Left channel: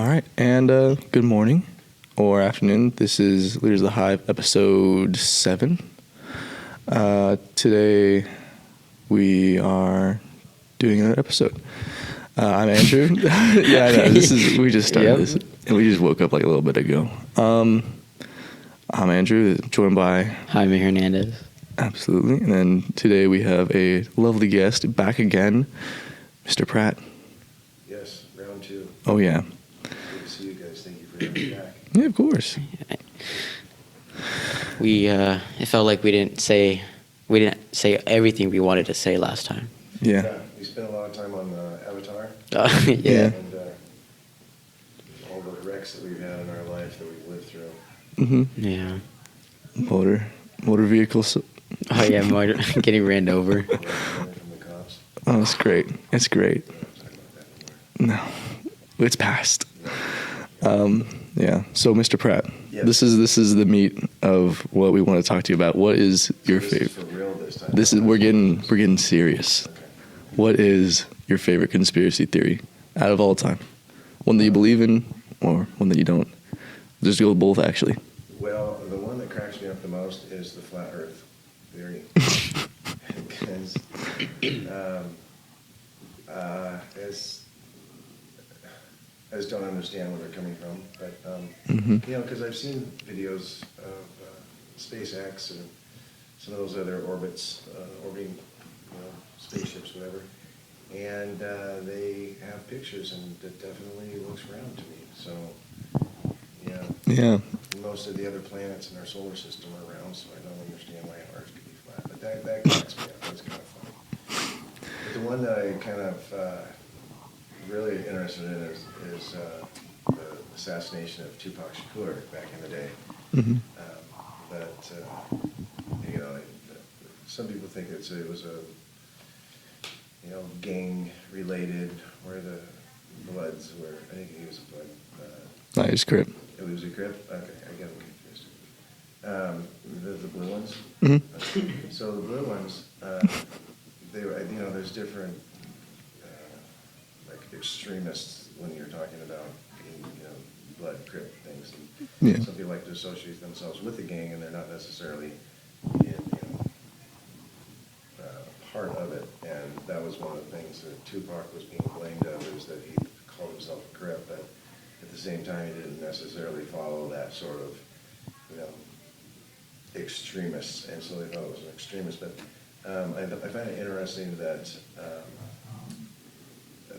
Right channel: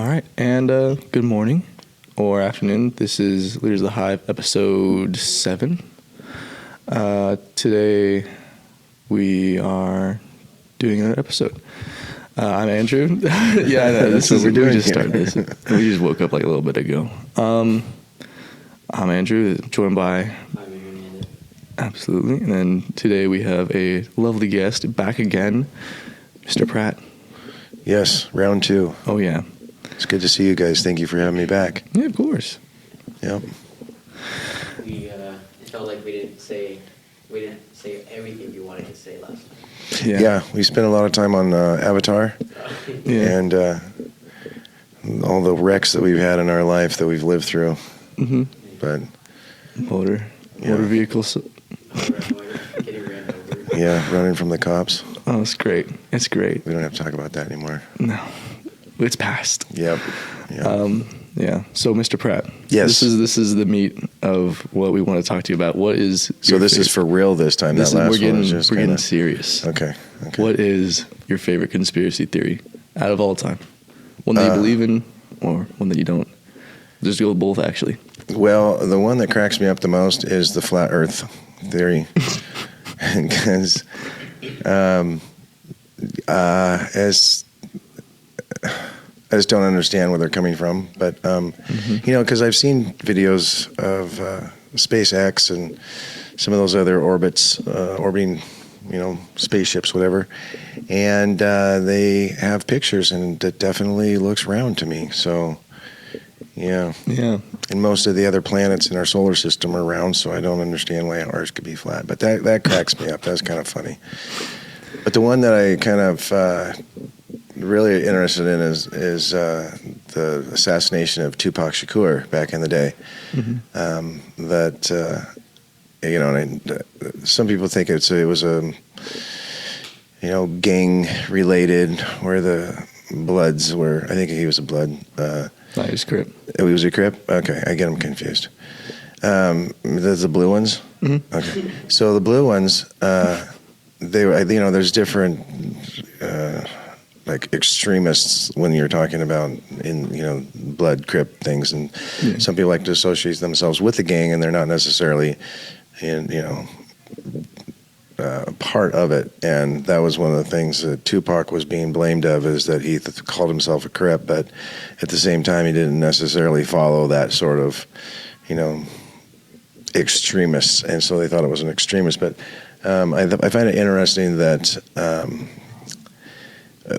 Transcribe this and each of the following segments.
All right, and good morning or afternoon. This is Leaders of the Hive, episode 7. Today we are doing another episode. I'm Andrew. Yeah, I know. We just started this. We just woke up like a little bit ago. I'm Andrew, joined by Jaime Hernandez. Absolutely. And then today we have a lovely guest back again, Mr. Pratt. Yes, round 2. Oh, yeah. It's good to see you guys. Thank you for having me back. Yeah, of course. Yeah. It felt like we didn't say everything we wanted to say last time. Yeah. We spent a lot of time on Avatar. Yeah. And all the wrecks that we've had in our life that we've lived through. Mm-hmm. Yeah. But Motor vehicles. Oh yeah, getting ran over. yeah, running from the cops. Oh, it's great. It's great. We don't have to talk about that anymore. No, it's past. Yep. Yeah. So, Mr. Pratt. Yes. This is the meat of what we want to talk to you about. What is So your this favorite? is for real this time. This That is last we're one was getting just getting kinda- serious. Okay. What is your favorite conspiracy theory out of all time? One that you believe in, or one that you don't? Just go with both, actually. Well, the one that cracks me up the most is the flat Earth theory, because I just don't understand where they're coming from. But because I've seen videos of SpaceX and some of those other orbits, orbiting, spaceships, whatever, and they have pictures, and it definitely looks round to me. So, yeah. Yeah. And most of the other planets in our solar system are round, so I don't understand why ours could be flat. But that cracks me up. That's kind of funny. But the one that I kind of really interested in is the assassination of Tupac Shakur back in the day. Mm-hmm. Some people think it was a gang related, where the Bloods were. I think he was a Blood. No, he's Crip. Oh, he was a Crip? Okay, I get them confused. The blue ones? Mm-hmm. Okay. So the blue ones, they were, there's different, like extremists when you're talking about Blood, Crip things. And some people like to associate themselves with the gang, and they're not necessarily, part of it. And that was one of the things that Tupac was being blamed of, is that he called himself a Crip, but at the same time he didn't necessarily follow that sort of extremists, and so they thought it was an extremist. But I find it interesting that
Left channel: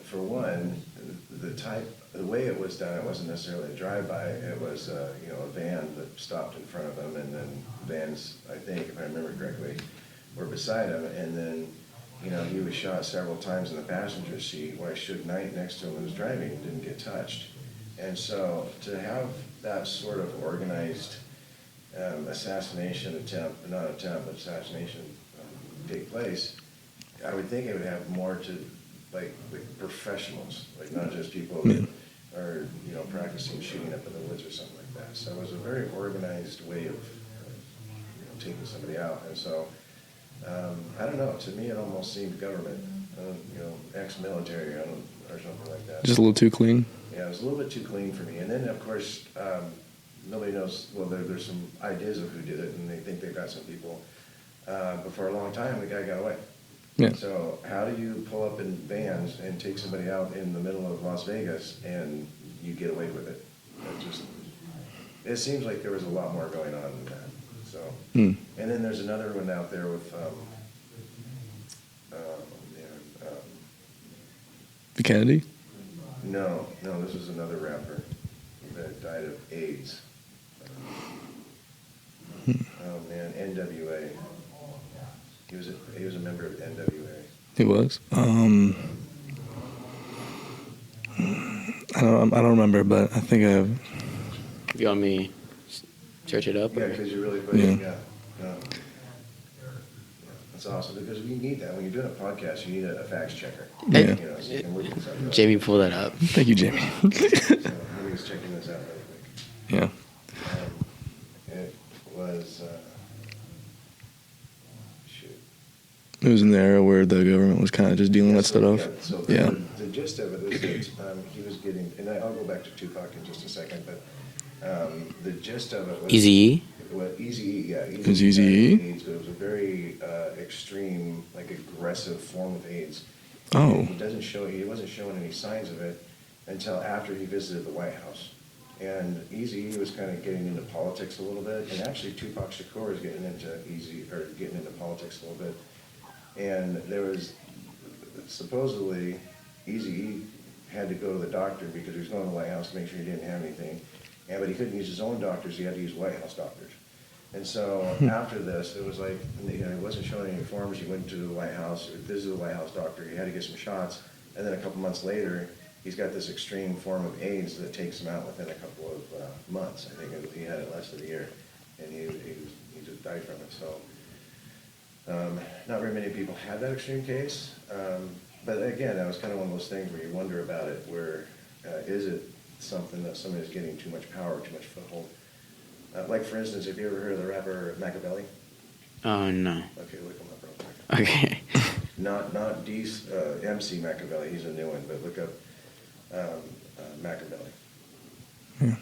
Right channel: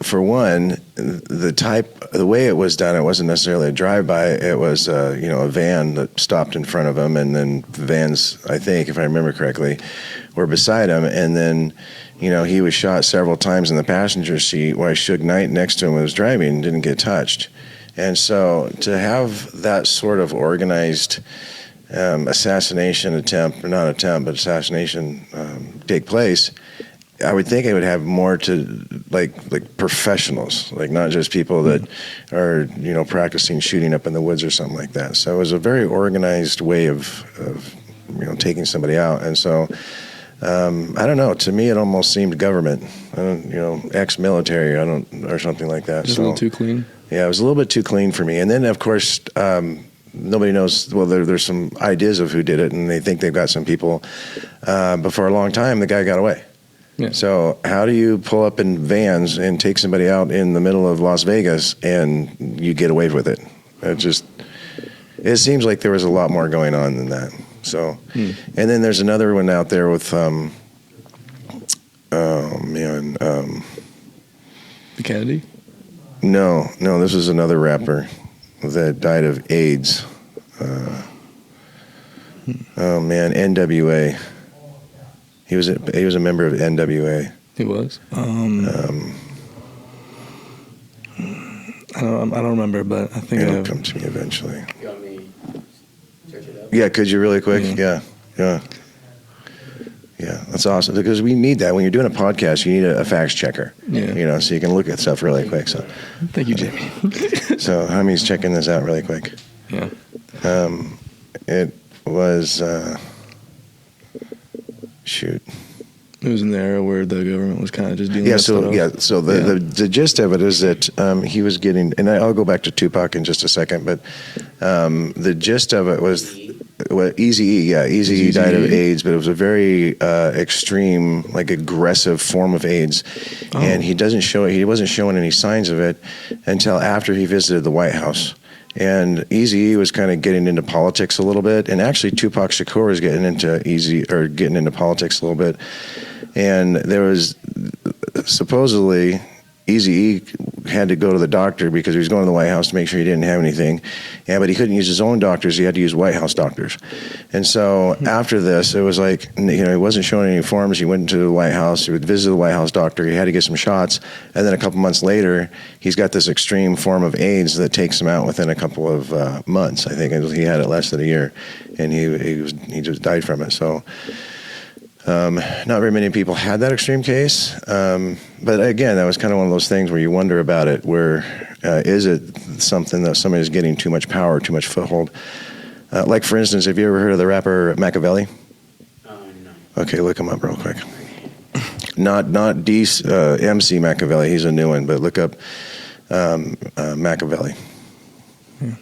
for one, the way it was done, it wasn't necessarily a drive-by. It was a van that stopped in front of him, and then vans, I think, if I remember correctly, were beside him, and then he was shot several times in the passenger seat while Suge Knight next to him was driving and didn't get touched. And so to have that sort of organized assassination attempt, or not attempt, but assassination take place, I would think it would have more to like professionals, like not just people that are practicing shooting up in the woods or something like that. So it was a very organized way of taking somebody out. And so I don't know. To me, it almost seemed government, ex-military, or something like that. Just a little too clean. Yeah, it was a little bit too clean for me. And then, of course, nobody knows. Well, there's some ideas of who did it, and they think they've got some people. But for a long time, the guy got away. Yeah. So how do you pull up in vans and take somebody out in the middle of Las Vegas and you get away with it? It seems like there was a lot more going on than that. So, and then there's another one out there with, The Kennedy? No, this was another rapper that died of AIDS. NWA. He was a member of NWA. He was. I don't remember, but I think It'll come to me eventually. You want me to search it up? Yeah, could you really quick? Yeah. That's awesome, because we need that when you're doing a podcast. You need a fact checker. Yeah. So you can look at stuff really Jamie, quick. pull that up. Thank you, Jamie. So Jaime's checking this out really quick. Yeah. It was shoot. It was in the era where the government was kind of just dealing with stuff. Yeah, so the gist of it is that he was getting, and I'll go back to Tupac in just a second, but the gist of it was Eazy-E? Eazy-E died of AIDS, but it was a very extreme, like aggressive form of AIDS, and he wasn't showing any signs of it until after he visited the White House. And Eazy-E was kind of getting into politics a little bit, and actually Tupac Shakur was getting into politics a little bit. And there was supposedly Eazy-E had to go to the doctor because he was going to the White House to make sure he didn't have anything. Yeah, but he couldn't use his own doctors. He had to use White House doctors. And so after this, it was like, he wasn't showing any forms. He went to the White House. He would visit the White House doctor. He had to get some shots. And then a couple months later, he's got this extreme form of AIDS that takes him out within a couple of months. I think he had it less than a year. And he just died from it. So not very many people had that extreme case. But again, that was kind of one of those things where you wonder about it, where is it something that somebody's getting too much power, too much foothold? Like, for instance, have you ever heard of the rapper Machiavelli? Oh, no. Okay, look him up real quick. Okay. Not MC Machiavelli, he's a new one, but look up Machiavelli. Yeah.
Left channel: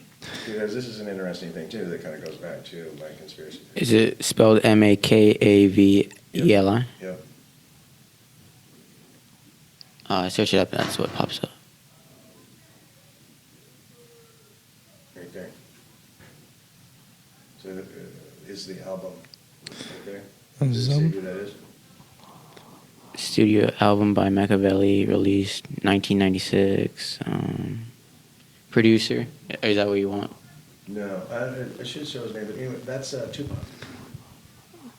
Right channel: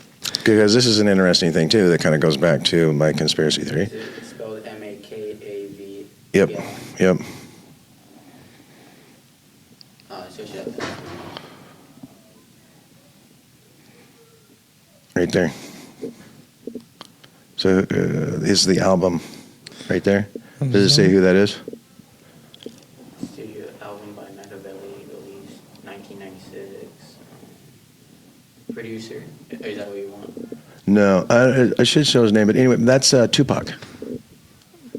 Because this is an interesting thing, too, that kind of goes back to my conspiracy theory. Is it spelled Makaveli? Yep. Search it up, that's what pops up. Right there. So is the album right there? Does it say who that is? Studio album by Machiavelli, released 1996. Producer, is that what you want? No, I should show his name, but anyway, that's Tupac.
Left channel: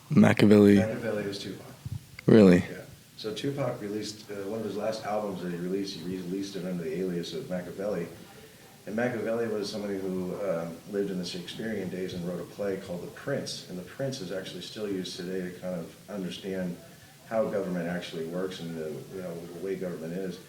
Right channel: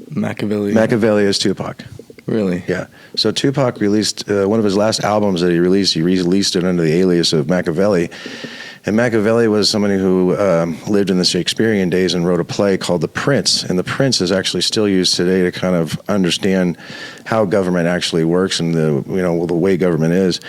Machiavelli. Machiavelli is Tupac. Really? Yeah. So Tupac released one of his last albums that he released. He released it under the alias of Machiavelli. And Machiavelli was somebody who lived in the Shakespearean days and wrote a play called The Prince. And The Prince is actually still used today to kind of understand how government actually works and the way government is.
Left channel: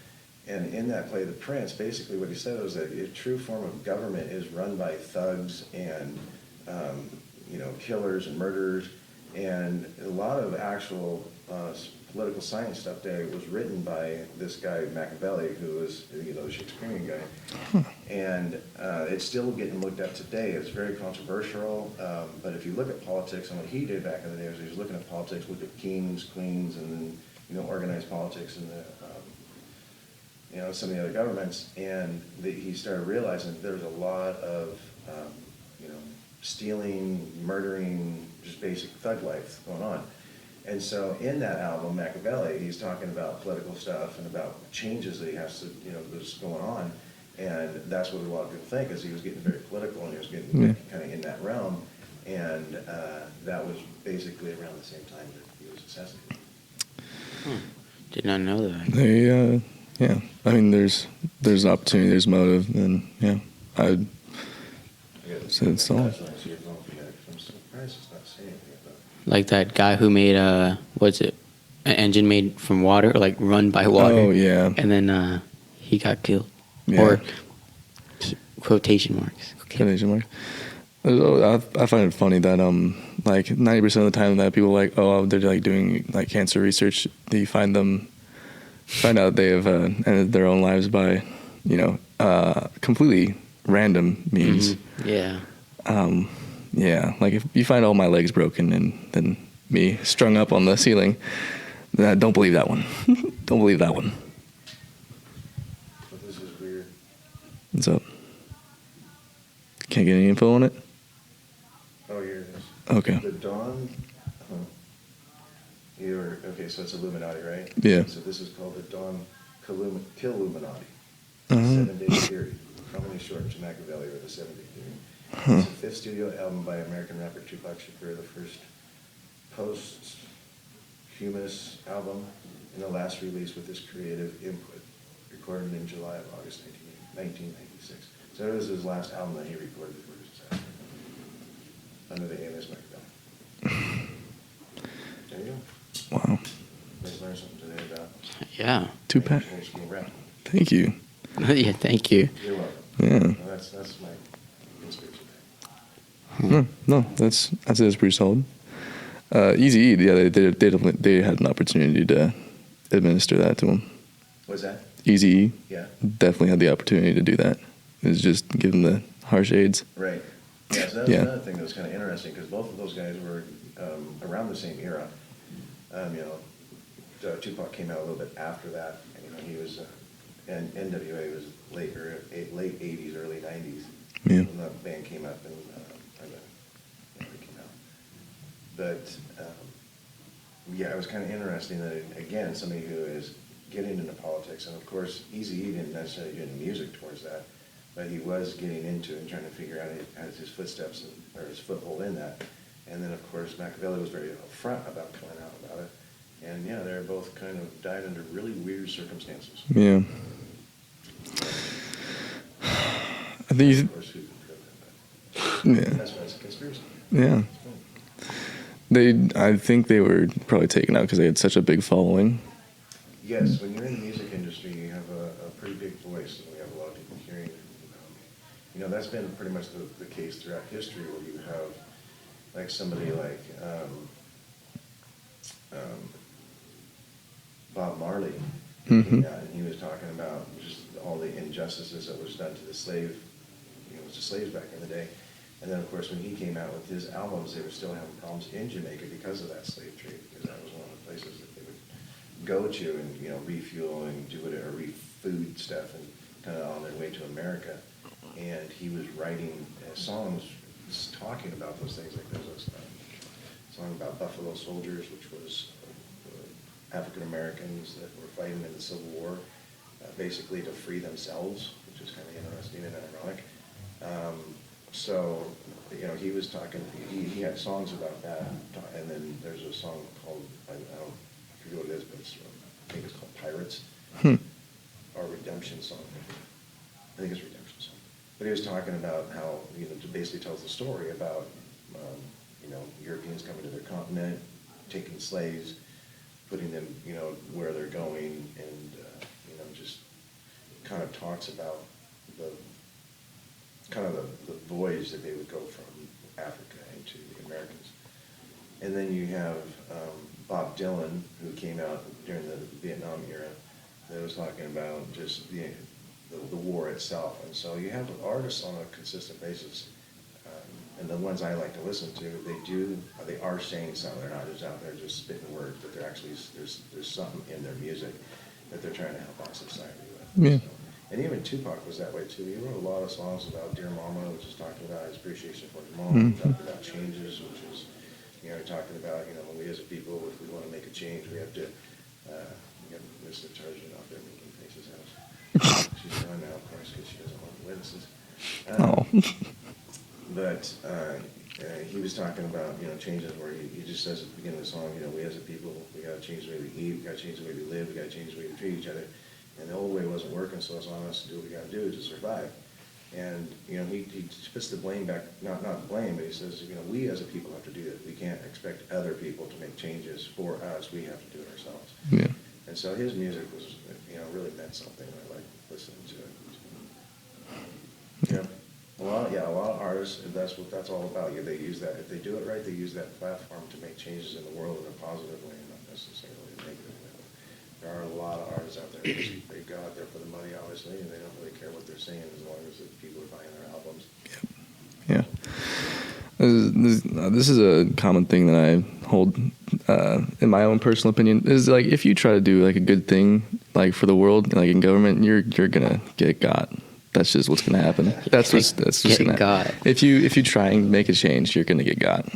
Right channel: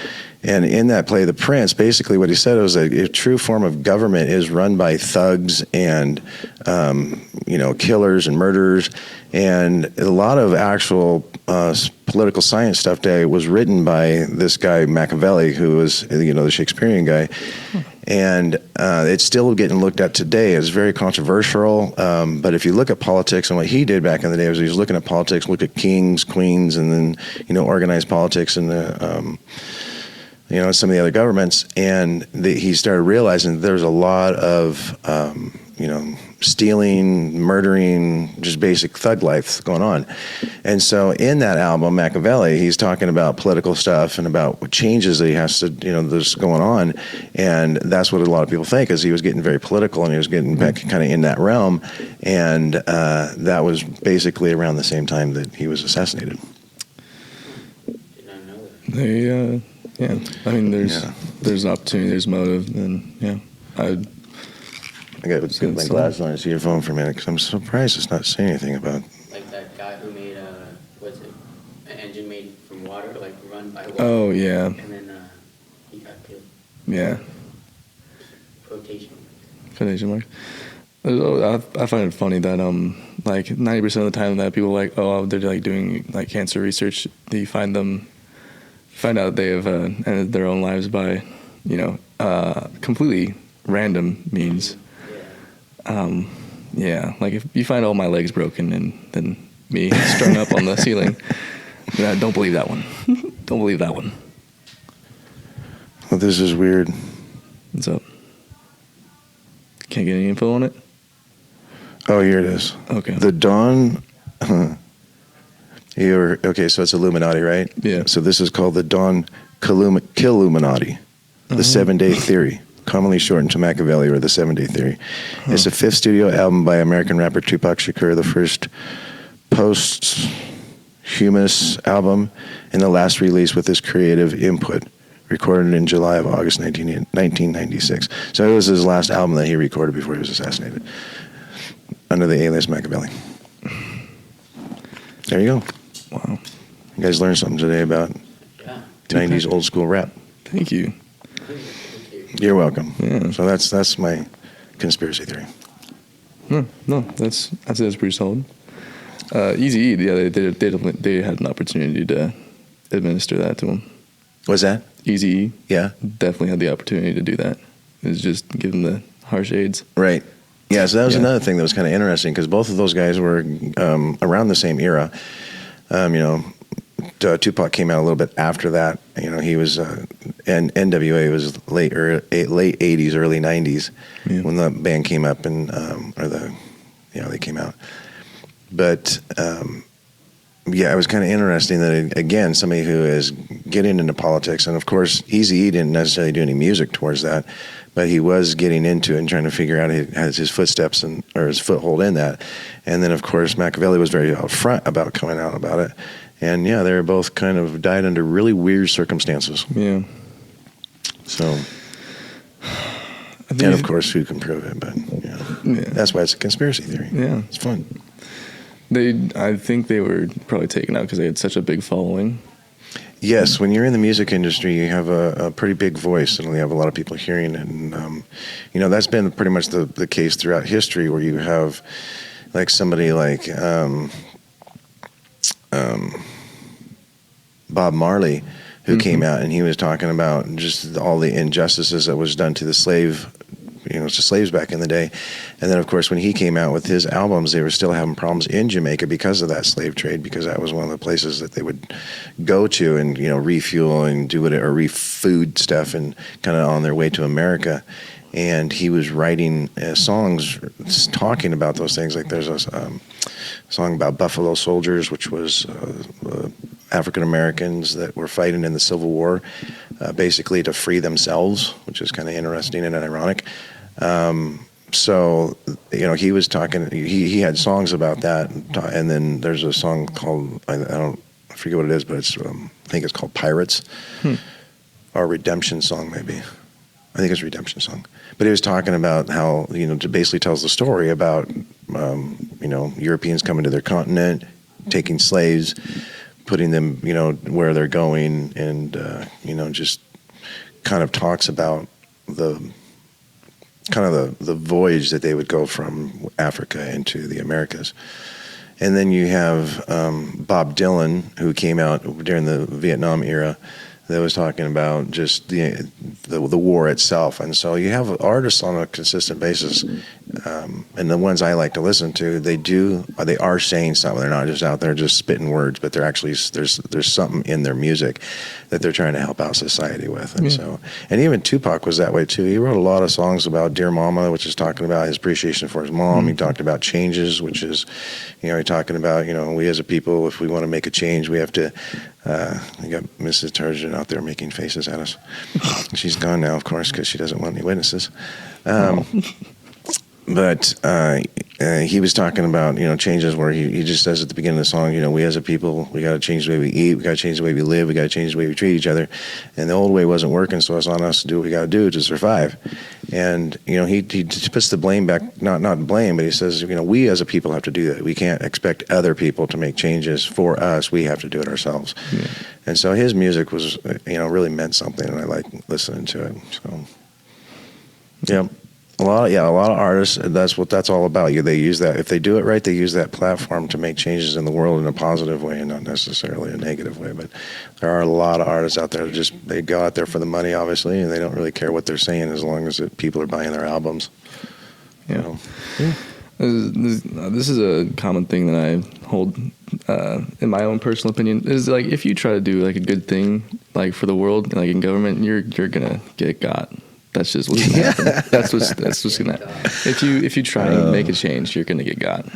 And in that play, The Prince, basically what he said was that a true form of government is run by thugs and, killers and murderers. And a lot of actual political science stuff today was written by this guy, Machiavelli, who was, the Shakespearean guy. And it's still getting looked at today. It's very controversial. But if you look at politics and what he did back in the day was he was looking at politics, look at kings, queens, and then, organized politics and the... some of the other governments, and he started realizing that there was a lot of, stealing, murdering, just basic thug life going on. And so in that album, Machiavelli, he's talking about political stuff and about changes that he has to, that's going on. And that's what a lot of people think, is he was getting very political and he was getting back kind of in that realm. And that was basically around the same time that he was assassinated. Did not know that. Yeah, I mean, there's opportunity, there's motive, and I got to put my glasses on and see your phone for a minute, because I'm surprised it's not saying anything about. Like that guy who made an engine made from water, like run by water. Oh yeah. And then he got killed. Yeah. Or quotation marks. Quotation marks. I find it funny that like 90% of the time that people are like, oh, they're like doing like cancer research, you find out they have ended their own lives by, completely random means. Mm-hmm. Yeah. Yeah. Like if you find all my legs broken and then me strung up on the ceiling, don't believe that one. Don't believe that one. Well, this is weird. What's up? Can't get any info on it? Oh, here it is. Okay. The Dawn. Okay, so it's Illuminati, right? Yeah. So this is called the Dawn Killuminati, the 7-Day Theory, commonly shortened to Machiavelli or the 7-Day Theory. It's the 5th studio album by American rapper Tupac Shakur, the first posthumous album, and the last release with his creative input, recorded in July of August 1996. So it was his last album that he recorded before he was assassinated, under the alias Machiavelli. There you go. Wow. You guys learned something today about 90s old school rap. Thank you. Yeah, thank you. You're welcome. Yeah. So that's my conspiracy theory. No, that's pretty solid. Easy, yeah, they had an opportunity to administer that to him. What's that? Easy, Yeah. definitely had the opportunity to do that. It was just give him the harsh aids. Right. Yeah, so that was another thing that was kind of interesting because both of those guys were around the same era. Tupac came out a little bit after that. He was, and NWA was late 80s, early 90s when the band came up they came out. But it was kind of interesting that, again, somebody who is getting into politics, and of course, Eazy-E didn't necessarily do any music towards that, but he was getting into it and trying to figure out his footsteps or his foothold in that. And then, of course, Machiavelli was very out front about coming out about it. And, they were both kind of died under really weird circumstances. Yeah. So, and of course, who can prove it? But that's why it's a conspiracy theory. Yeah. It's fun. I think they were probably taken out because they had such a big following. Yes, when you're in the music industry, you have a pretty big voice, and you have a lot of people hearing it. And, that's been pretty much the case throughout history, where you have, like, somebody like Bob Marley, who came out, and he was talking about just all the injustices that was done to the to slaves back in the day. And then, of course, when he came out with his albums, they were still having problems in Jamaica because of that slave trade, because that was one of the places that they would go to and, refuel and do refood stuff and kind of on their way to America. And he was writing songs talking about those things. Like there's a song about Buffalo Soldiers, which was African Americans that were fighting in the Civil War, basically to free themselves, which is kind of interesting and ironic. So, he was talking, he had songs about that. And then there's a song called, I forget what it is, but it's, I think it's called Pirates, or Redemption Song, maybe. I think it's Redemption Song. But he was talking about how, basically tells the story about, Europeans coming to their continent, taking slaves, putting them, where they're going, and, just kind of talks about the voyage that they would go from Africa into the Americas. And then you have Bob Dylan, who came out during the Vietnam era, that was talking about just the war itself. And so you have artists on a consistent basis, and the ones I like to listen to, they are saying something. They're not just out there just spitting words, but they're actually there's something in their music that they're trying to help out society with. And and even Tupac was that way too. He wrote a lot of songs about Dear Mama, which is talking about his appreciation for his mom. He talked about changes, which is, he's talking about, we as a people, if we want to make a change, we have to. We got Mrs. Turgeon out there making faces at us. She's gone now, of course, because she doesn't want any witnesses. But he was talking about, changes where he just says at the beginning of the song, we as a people, we got to change the way we eat, we got to change the way we live, we got to change the way we treat each other. And the old way wasn't working, so it's on us to do what we got to do to survive. And, he puts the blame back, not blame, but he says, we as a people have to do that. We can't expect other people to make changes for us. We have to do it ourselves. Yeah. And so his music was, really meant something, and I like listening to it. So, yeah. A lot of artists, that's what that's all about. They use that, if they do it right, they use that platform to make changes in the world in a positive way and not necessarily a negative way. But there are a lot of artists out there that they go out there for the money, obviously, and they don't really care what they're saying as long as people are buying their albums. Yeah. This is a common thing that I hold, in my own personal opinion, is like if you try to do like a good thing, like for the world, like in government, you're gonna get got. That's just what's gonna happen. That's just gonna happen. If you try and make a change, you're gonna get got.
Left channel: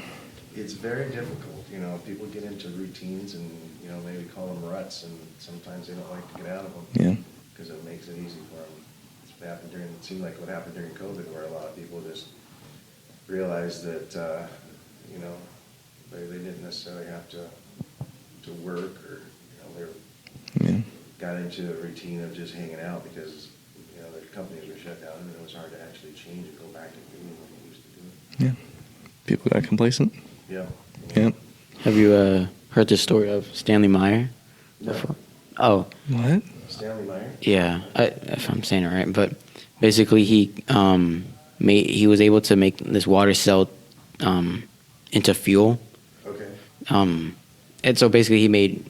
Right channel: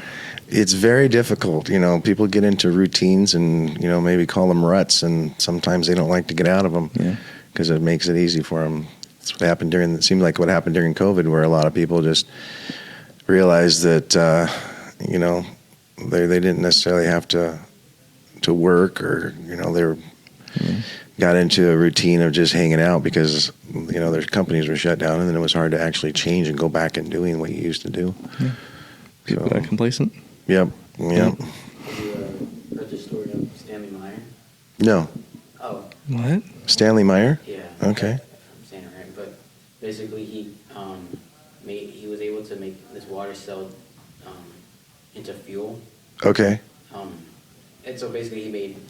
It's very difficult. People get into routines and maybe call them ruts, and sometimes they don't like to get out of them. Yeah. Because it makes it easy for them. That's what happened it seemed like what happened during COVID, where a lot of people just realized that they didn't necessarily have to work, or they were got into a routine of just hanging out because their companies were shut down, and then it was hard to actually change and go back and doing what you used to do. Yeah, people got complacent. Yep. Have you heard the story of Stanley Meyer? No. Oh, what? Stanley Meyer? Yeah. Okay. If I'm saying it right, but basically he was able to make this water cell into fuel. Okay. And so basically he made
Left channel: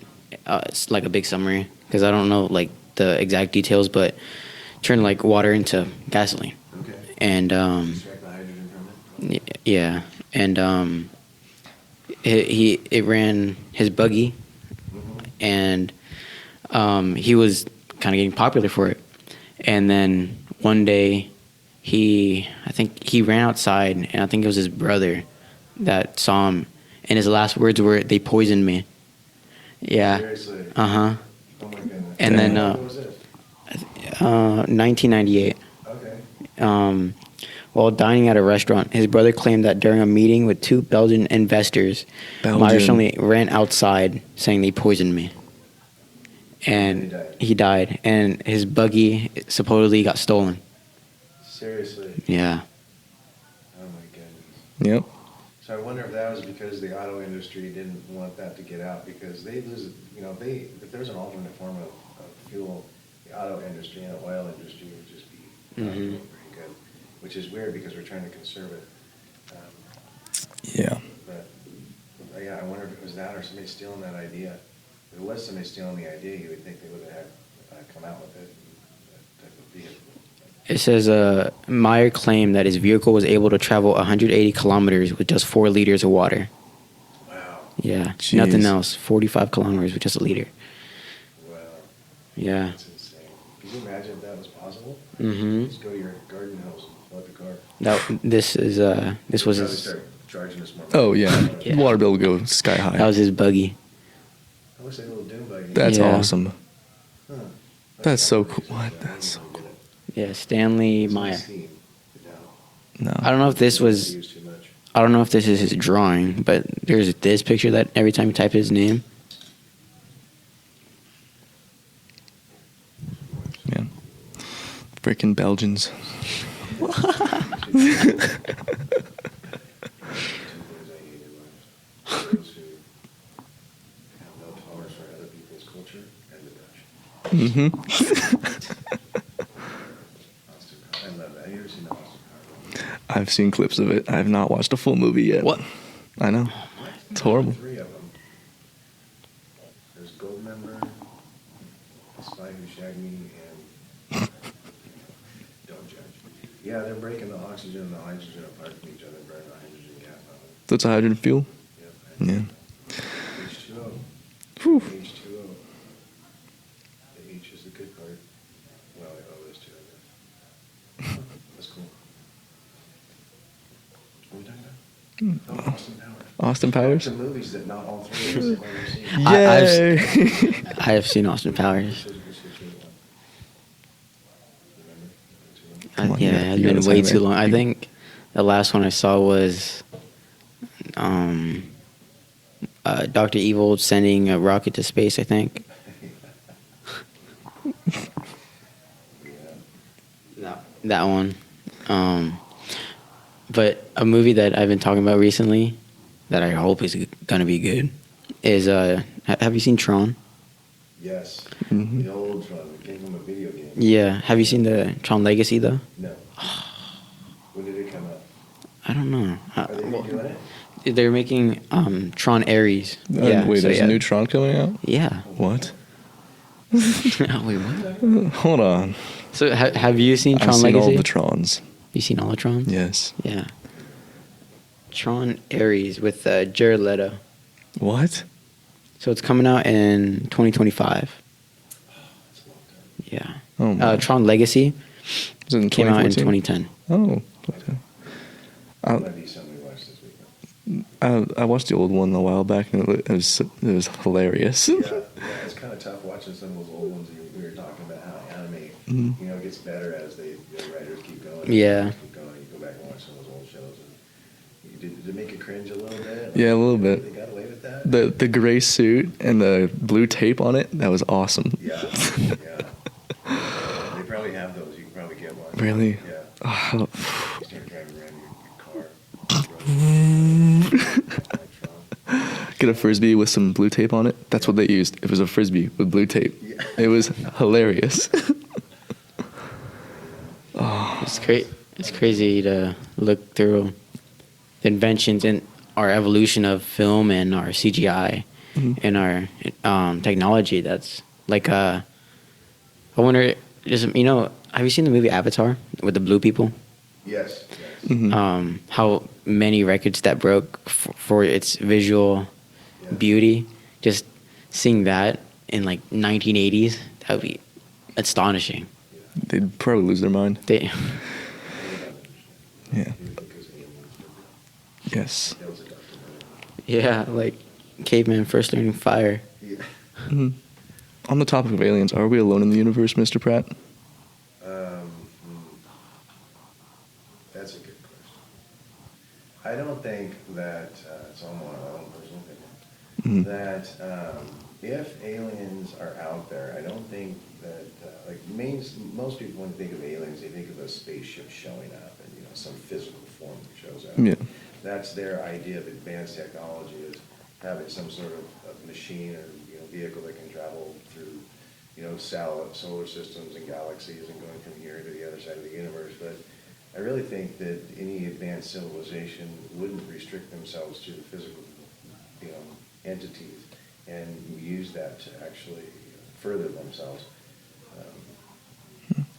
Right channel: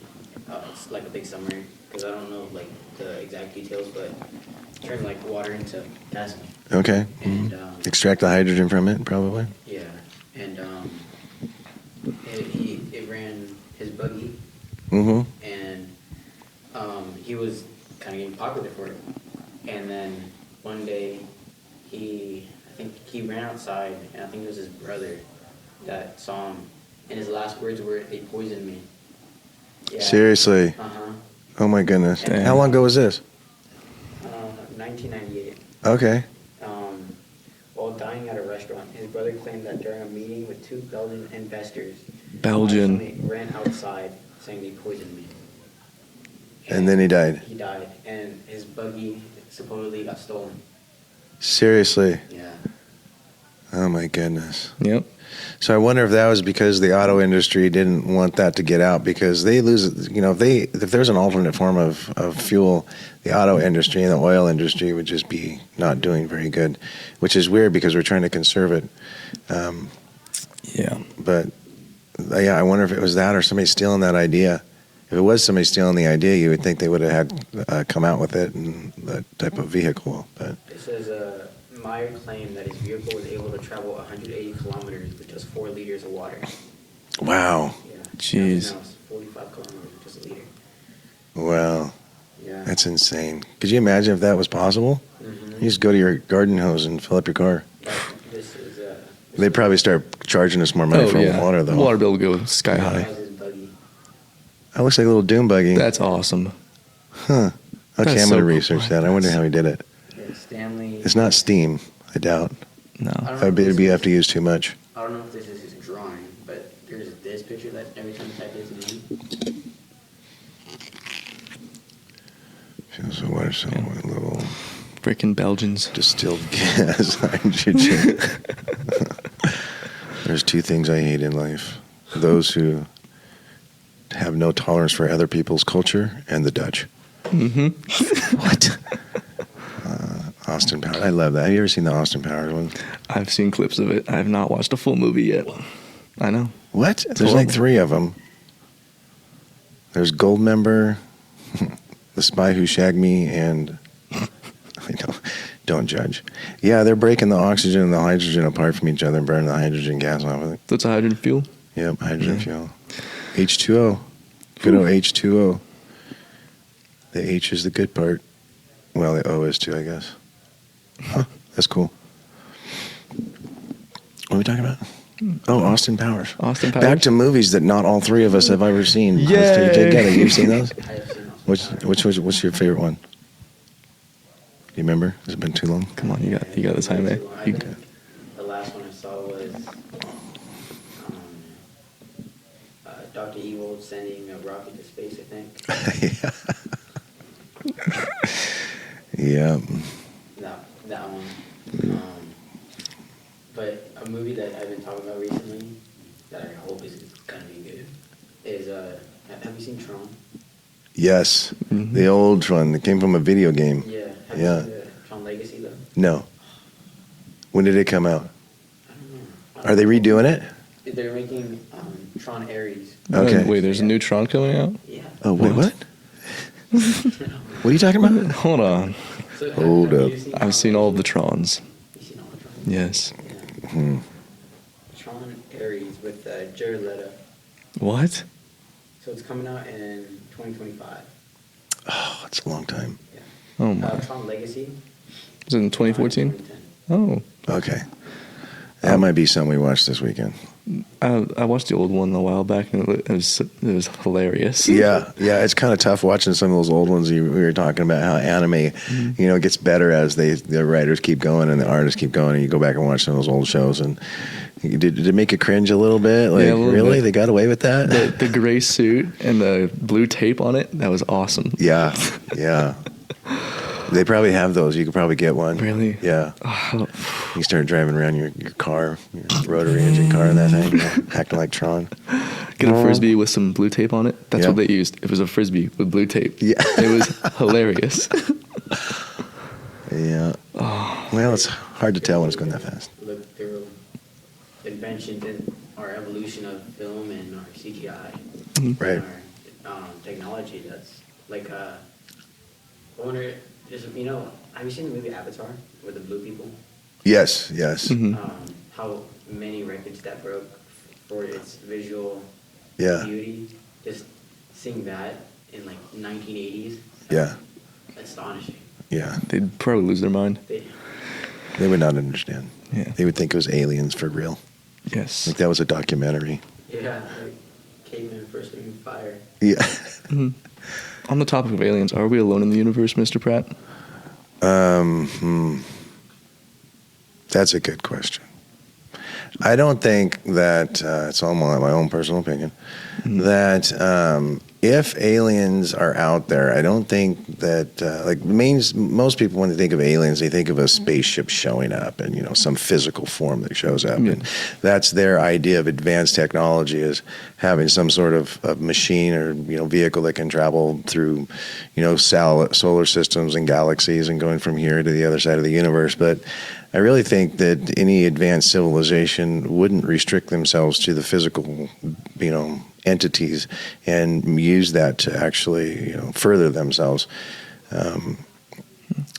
it's like a big summary, because I don't know like the exact details, but turn like water into gasoline. Okay. And extract the hydrogen from it, probably. Yeah, and it ran his buggy, and he was kind of getting popular for it. And then one day, I think he ran outside, and I think it was his brother that saw him, and his last words were, "They poisoned me." Yeah. Seriously. Uh-huh. Oh my goodness. And And then, how long ago was this? 1998. Okay. While dining at a restaurant, his brother claimed that during a meeting with 2 Belgian investors, Belgian. Myers ran outside saying they poisoned me. And then he died. He died, and his buggy supposedly got stolen. Seriously. Yeah. Oh my goodness. Yep. So I wonder if that was because the auto industry didn't want that to get out, because they lose, you know, if there's an alternate form of fuel, the auto industry and the oil industry would just be not doing very good, which is weird because we're trying to conserve it. Yeah. But yeah, I wonder if it was that or somebody stealing that idea. If it was somebody stealing the idea, you would think they would have had come out with it and that type of vehicle. But It says Meyer claimed that his vehicle was able to travel 180 kilometers with just 4 liters of water. wow, Yeah. Jeez. Nothing else. 45 kilometers with just a liter. wow, Yeah. that's insane. Could you imagine if that was possible? Mm-hmm. You just go to your garden hose and fill up your car. This They'd was probably his, start charging us more money Oh for yeah. water, though. Water bill would go sky high. That was his buggy. That looks like a little dune buggy. That's Yeah. awesome. Huh. Okay, That's I'm so going to cool. research that. I wonder how he did it. Yeah, Stanley. It's Meyer. not steam, I doubt. No. I don't know if this You'd was. have to use too much. I don't know if this is his drawing, but there's this picture that every time you type his name. So what if Yeah. a little Freaking Belgians. distilled gas? There's 2 things I hate in life: those who have no tolerance for other people's culture, and the Dutch. Mm-hmm. What? Austin Powers. I love that. Have you ever seen the Austin Powers one? I've seen clips of it. I have not watched a full movie yet. What? I know. What? There's horrible. like 3 of them. There's Goldmember, The Spy Who Shagged Me, and I know, don't judge. Yeah, they're breaking the oxygen and the hydrogen apart from each other and burning the hydrogen gas off of it. That's a hydrogen fuel. Yep, hydrogen Yeah. fuel. H2O. Good old H2O. The H is the good part. Well, the O is too, I guess. Huh, that's cool. What are we talking about? Oh, Austin Powers. Austin Powers. Back to movies that not all 3 of us have ever seen. Yay! You've seen those? I have seen Austin Powers. What's your favorite one? You remember? Has it been too long? Come on, yeah, you it's got been the way time, too man. long. I think the last one I saw was Dr. Evil sending a rocket to space, I think. Yeah. That one. But a movie that I've been talking about recently that I hope is going to be good is, have you seen Tron? Yes. Mhm. The old one that came from a video game. Yeah. Have you Yeah. seen the Tron Legacy, though? No. When did it come out? I don't know. Are they redoing it? They're making Tron Ares. Okay. And wait, so there's yeah. a new Tron coming out? Yeah. Oh, wait, What? what? What are you talking about? Hold on. So Hold have up. you seen Tron I've seen Legacy? all the Trons. You seen all the Trons? Yes. Yeah. Hmm. Tron Ares with Jared Leto. What? So it's coming out in 2025. Oh, it's a long time. Yeah. Oh my. Tron Legacy Is it in came out in 2014? 2010. Oh. Okay. That might be something we watched this weekend. I watched the old one a while back and it was hilarious. Yeah, it's kind of tough watching some of those old ones. We were talking about how anime, gets better as the writers keep going and the Yeah. artists keep going. And you go back and watch some of those old shows, and did it make you cringe a little bit? Like, Yeah, a little really? bit. They got away with that? The gray suit and the blue tape on it, that was awesome. Yeah. They probably have those. You could probably get one. Really? Yeah. Oh, You start driving around your car, your rotary engine car, and that thing, acting like Tron. get a frisbee with some blue tape on it. That's Yeah. what they used. It was a frisbee with blue tape. Yeah. It was hilarious. Yeah. Oh, Well, it's hard to tell what's crazy going to to happen. look through the inventions, and our evolution of film and our CGI and our technology. That's like I wonder, just have you seen the movie Avatar with the blue people? Yes. How many records that broke for its visual beauty. Just seeing that in like 1980s, that'd be astonishing. Yeah. They'd probably lose their mind. They would not understand. Yeah. They would think it was aliens for real. Yes. Like that was a documentary. Yeah, like caveman first learning fire. Yeah. On the topic of aliens, are we alone in the universe, Mr. Pratt? That's a good question. I don't think that, it's all my own personal opinion, that if aliens are out there, I don't think that, most people, when they think of aliens, they think of a spaceship showing up and, some physical form that shows up. Yeah. And that's their idea of advanced technology, is having some sort of machine or, vehicle that can travel through, solar systems and galaxies and going from here to the other side of the universe. But I really think that any advanced civilization wouldn't restrict themselves to the physical, entities and use that to actually, further themselves.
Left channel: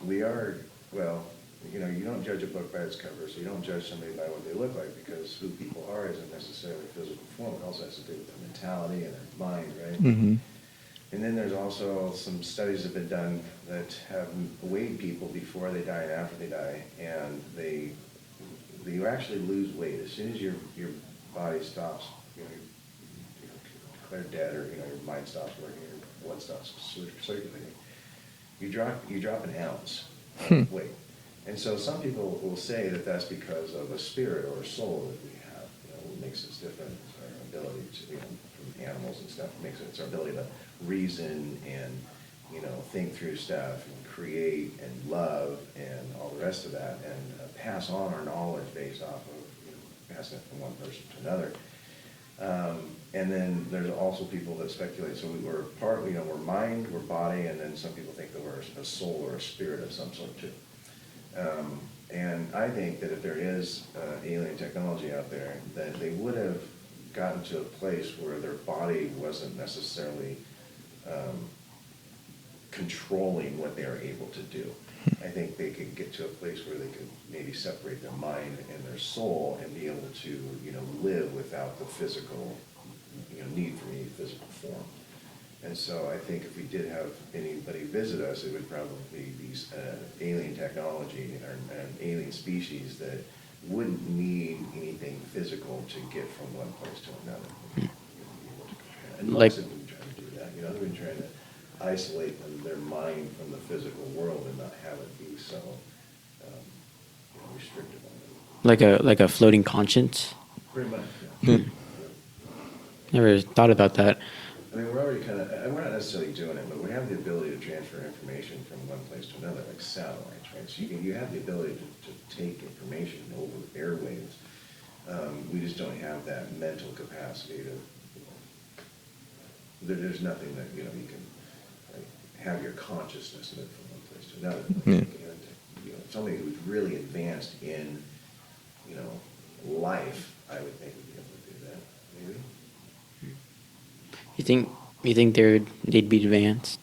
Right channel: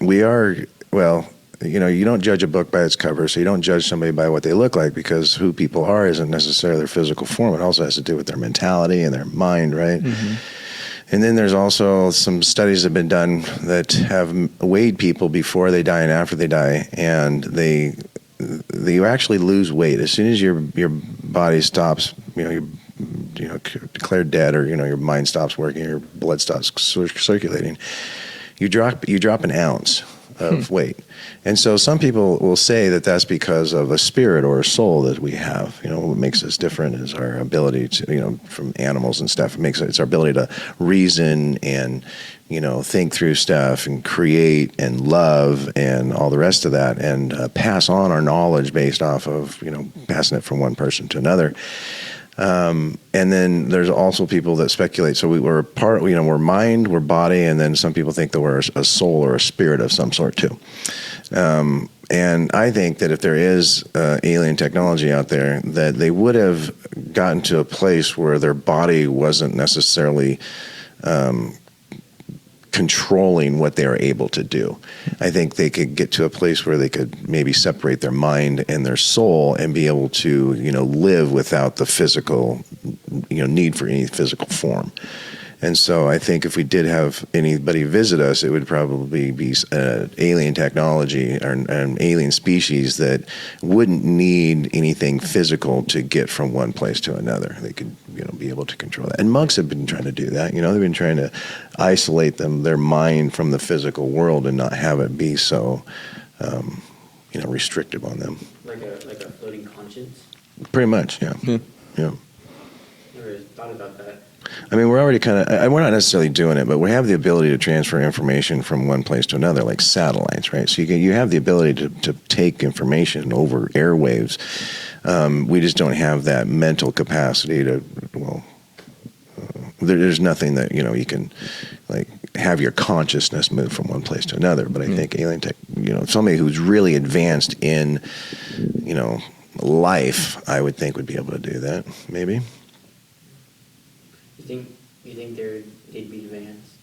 We are, you don't judge a book by its cover, so you don't judge somebody by what they look like, because who people are isn't necessarily their physical form. It also has to do with their mentality and their mind, right? Mm-hmm. And then there's also some studies that have been done that have weighed people before they die and after they die, and they actually lose weight as soon as your body stops, declared dead, or your mind stops working, your blood stops circulating. You drop an ounce of weight. And so some people will say that that's because of a spirit or a soul that we have. What makes us different is our ability to, from animals and stuff. It's our ability to reason and, think through stuff and create and love and all the rest of that, and pass on our knowledge based off of, passing it from one person to another. And then there's also people that speculate. So we're part, we're mind, we're body, and then some people think that we're a soul or a spirit of some sort too. And I think that if there is alien technology out there, that they would have gotten to a place where their body wasn't necessarily controlling what they are able to do. I think they could get to a place where they could maybe separate their mind and their soul and be able to, live without the physical, need for any physical form. And so I think if we did have anybody visit us, it would probably be alien technology or an alien species that wouldn't need anything physical to get from one place to another. They could, be able to control that. And monks have been trying to do that. They've been trying to isolate their mind from the physical world and not have it be so, restrictive on them. Like a floating conscience. Pretty much, yeah. Yeah. Never thought about that. I mean, we're already we're not necessarily doing it, but we have the ability to transfer information from one place to another, like satellites, right? So you have the ability to take information over airwaves. We just don't have that mental capacity to, there's nothing that, you can, have your consciousness move from one place to another. But I think alien tech, somebody who's really advanced in, life, I would think would be able to do that, maybe. You think they'd be advanced?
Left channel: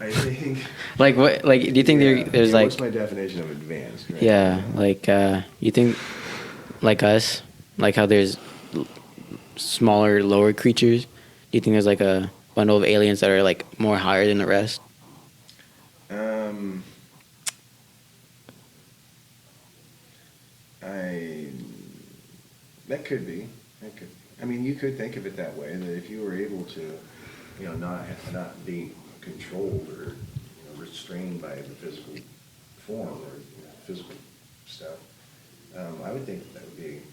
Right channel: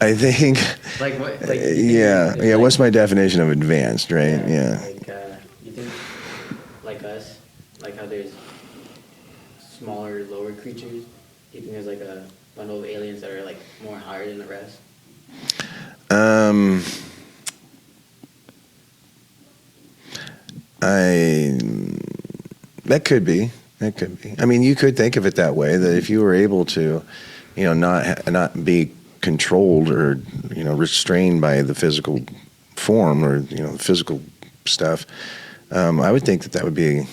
I think. Like what? Like do you think? Yeah. What's my definition of advanced? Right. Yeah. Like you think, like us, like how there's smaller, lower creatures. Do you think there's like a bundle of aliens that are like more higher than the rest? That could be. I mean, you could think of it that way, that if you were able to, not be controlled or, restrained by the physical form or, physical stuff, I would think that would be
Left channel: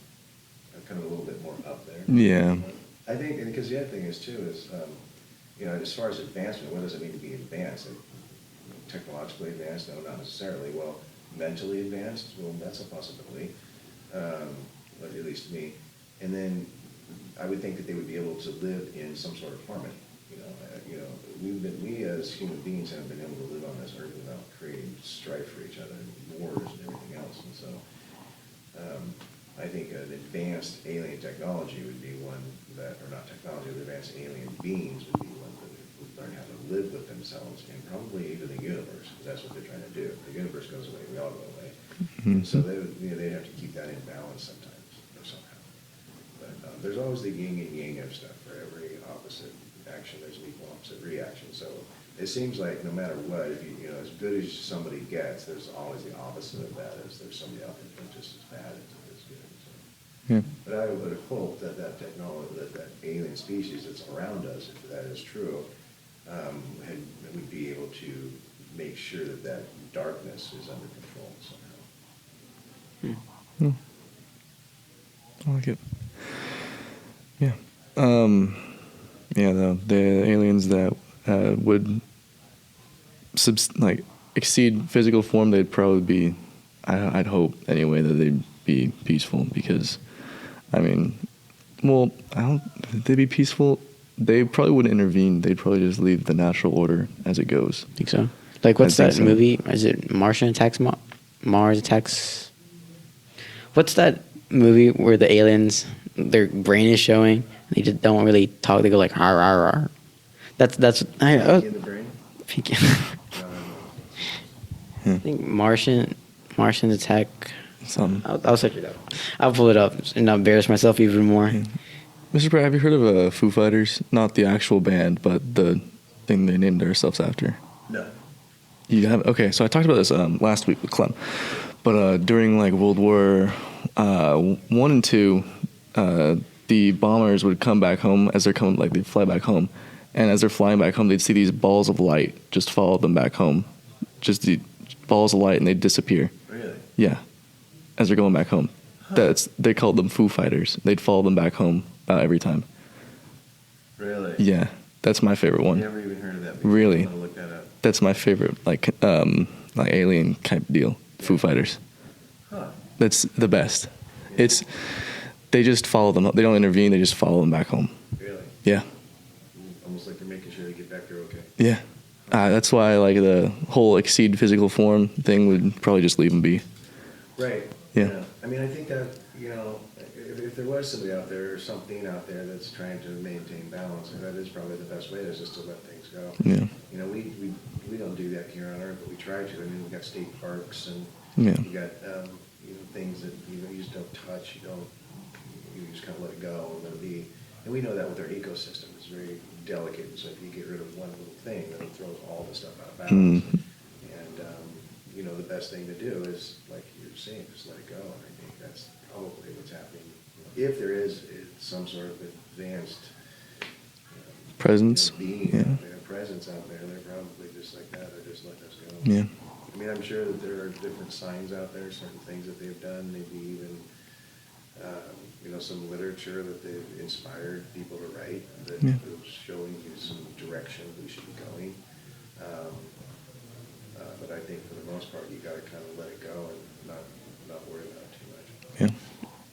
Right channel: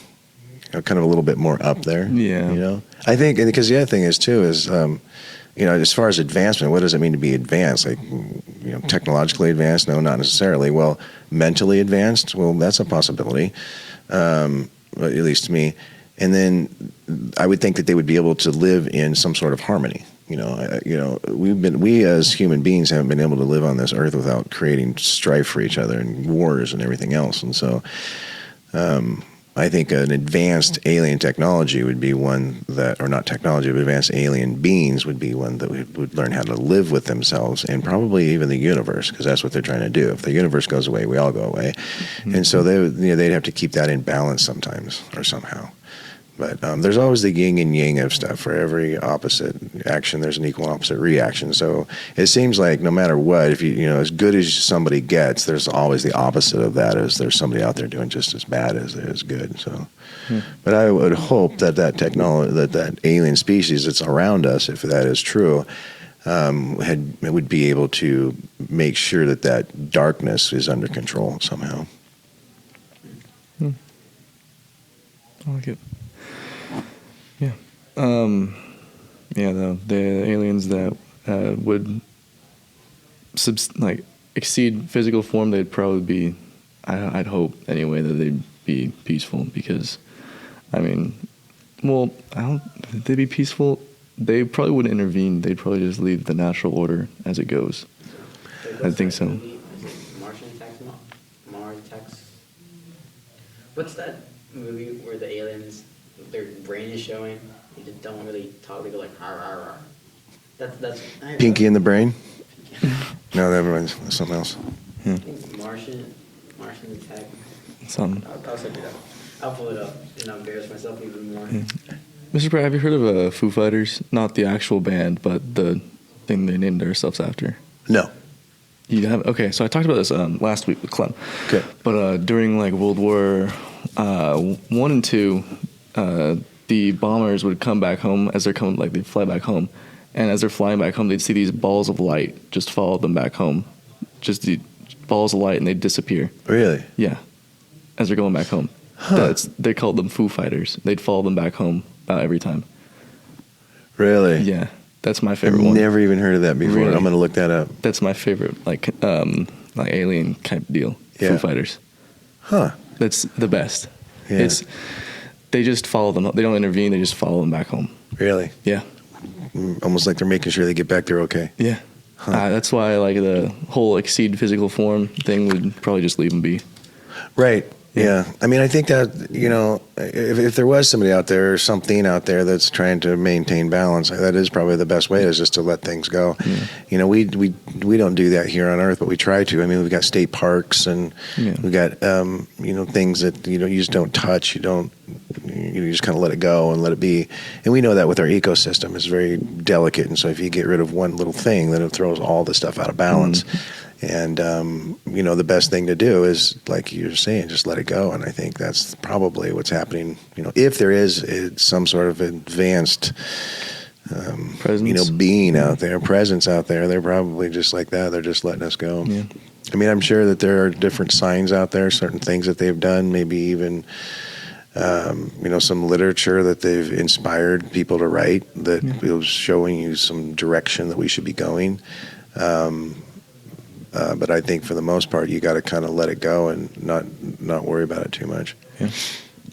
kind of a little bit more up there. Yeah. I think, because the other thing is, too, is, as far as advancement, what does it mean to be advanced? Like, technologically advanced? No, not necessarily. Well, mentally advanced? Well, that's a possibility, at least to me. And then I would think that they would be able to live in some sort of harmony. We as human beings haven't been able to live on this earth without creating strife for each other and wars and everything else. And so I think an advanced alien technology would be one that, or not technology, but advanced alien beings would be one that would learn how to live with themselves and probably even the universe, because that's what they're trying to do. If the universe goes away, we all go away. Mm-hmm. And so they'd have to keep that in balance sometimes or somehow. But there's always the yin and yang of stuff. For every opposite action, there's an equal and opposite reaction. So it seems like no matter what, if you know, as good as somebody gets, there's always the opposite of that. Is there's somebody out there doing just as bad as good. So, but I would hope that technology, that alien species that's around us, if that is true, would be able to make sure that darkness is under control somehow. I like it. Yeah. The aliens that would exceed physical form, they'd probably be, I'd hope anyway, that they'd be peaceful, because, they'd be peaceful? They probably wouldn't intervene. They'd probably just leave the natural order as it goes. I think so. Like, what's that movie? Is it Martian Attacks Mars Attacks? What's that movie where the aliens, their brain is showing? They just don't really talk. They go like, "Har, har, har." That's Pinky in the Brain? Pinky. No, never mind. Something else. I think Martian Attack. Something. I'll check it out. I'll pull it up and not embarrass myself even more. Yeah. Mr. Pratt, have you heard of Foo Fighters? Not the actual band, but the thing they named themselves after. No. You have? Okay, so I talked about this last week with Clem. Okay. But during World War I and II, the bombers would come back home as they're coming, they'd fly back home, and as they're flying back home, they'd see these balls of light just follow them back home, just the balls of light, and they'd disappear. Really? Yeah, as they're going back home. Huh. They called them Foo Fighters. They'd follow them back home about every time. Really? Yeah, that's my favorite one. Never even heard of that before. Really? I'm going to look that up. That's my favorite, alien type deal. Yeah. Foo Fighters. Huh. That's the best. Yeah. They just follow them. They don't intervene. They just follow them back home. Really? Yeah. Almost like they're making sure they get back there okay. Yeah. Huh. That's why the whole exceed physical form thing would probably just leave them be. Right. Yeah. I think that, if there was somebody out there or something out there that's trying to maintain balance, that is probably the best way, is just to let things go. Yeah. We don't do that here on Earth, but we try to. We've got state parks, and we've got, things that, you just don't touch. You just kind of let it go and let it be. And we know that with our ecosystem, it's very delicate. And so if you get rid of one little thing, then it throws all the stuff out of balance. And, the best thing to do is, like you're saying, just let it go. And I think that's probably what's happening. If there is some sort of advanced, presence, being out there, presence out there, they're probably just like that. They're just letting us go. Yeah. I'm sure that there are different signs out there, certain things that they've done, maybe even, some literature that they've inspired people to write that is showing you some direction that we should be going. But I think for the most part, you got to kind of let it go and not worry about it too much. Yeah.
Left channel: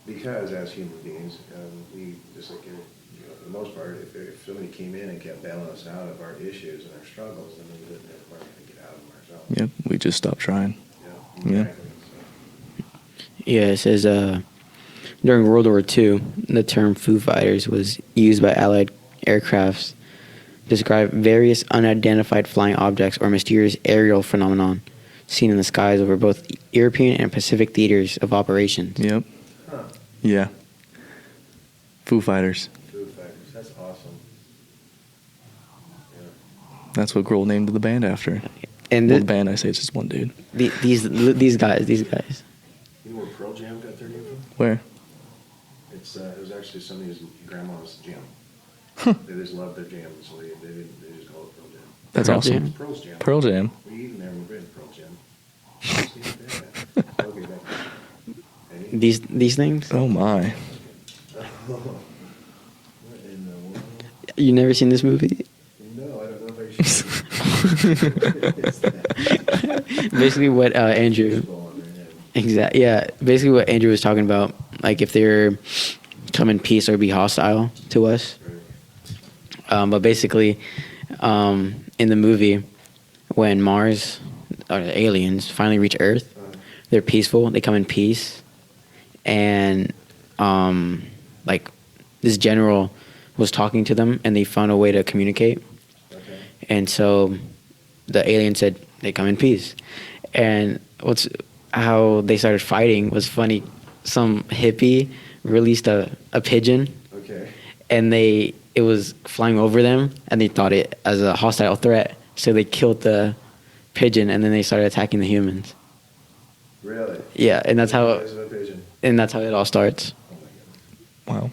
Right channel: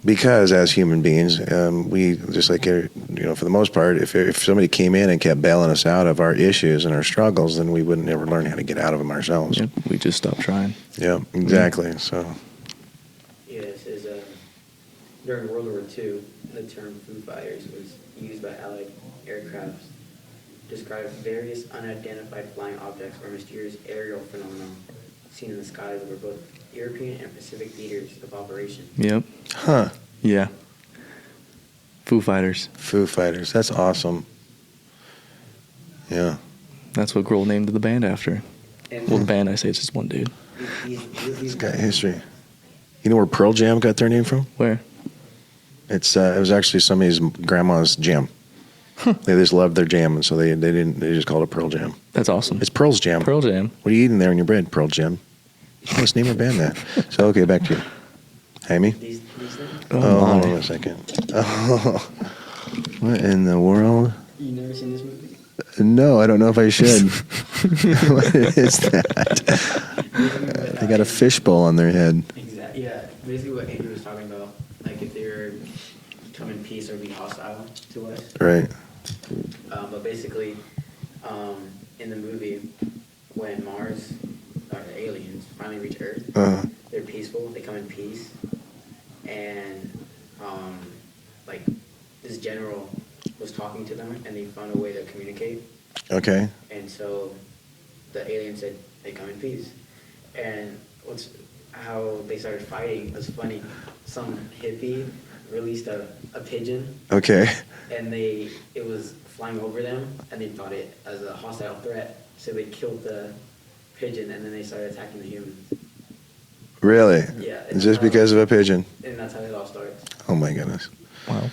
Because as human beings, we just for the most part, if somebody came in and kept bailing us out of our issues and our struggles, then we wouldn't ever learn how to get out of them ourselves. Yep. We just stopped trying. Yeah, exactly. So. Yeah, it says during World War II, the term Foo Fighters was used by Allied aircrafts to describe various unidentified flying objects or mysterious aerial phenomenon seen in the skies over both European and Pacific theaters of operations. Yep. Huh. Yeah. Foo Fighters. Foo Fighters. That's awesome. Yeah. That's what Grohl named the band after. And the band, I say, it's just one dude. These guys. You know where Pearl Jam got their name from? Where? It was actually somebody's grandma's jam. Huh. They just loved their jam, and so they just called it Pearl Jam. That's awesome. It's Pearl's Jam. Pearl Jam. What are you eating there in your bread? Pearl Jam. Let's name our band that. So okay, back to you. Amy? These things? Oh my. Hold on a second. Oh. What in the world? You never seen this movie? No, I don't know if I should. What is that? Basically what They got a fishbowl on their head. Exactly. Yeah. Basically what Andrew was talking about, like if they're come in peace or be hostile to us. Right. But basically, in the movie, when Mars or the aliens finally reach Earth, they're peaceful. They come in peace, and like this general was talking to them, and they found a way to communicate. Okay. And so the alien said they come in peace. And how they started fighting was funny. Some hippie released a pigeon. Okay. And it was flying over them, and they thought it as a hostile threat. So they killed the pigeon, and then they started attacking the humans. Really? Yeah, and that's just how because of a pigeon. And that's how it all starts. Oh my goodness. Wow.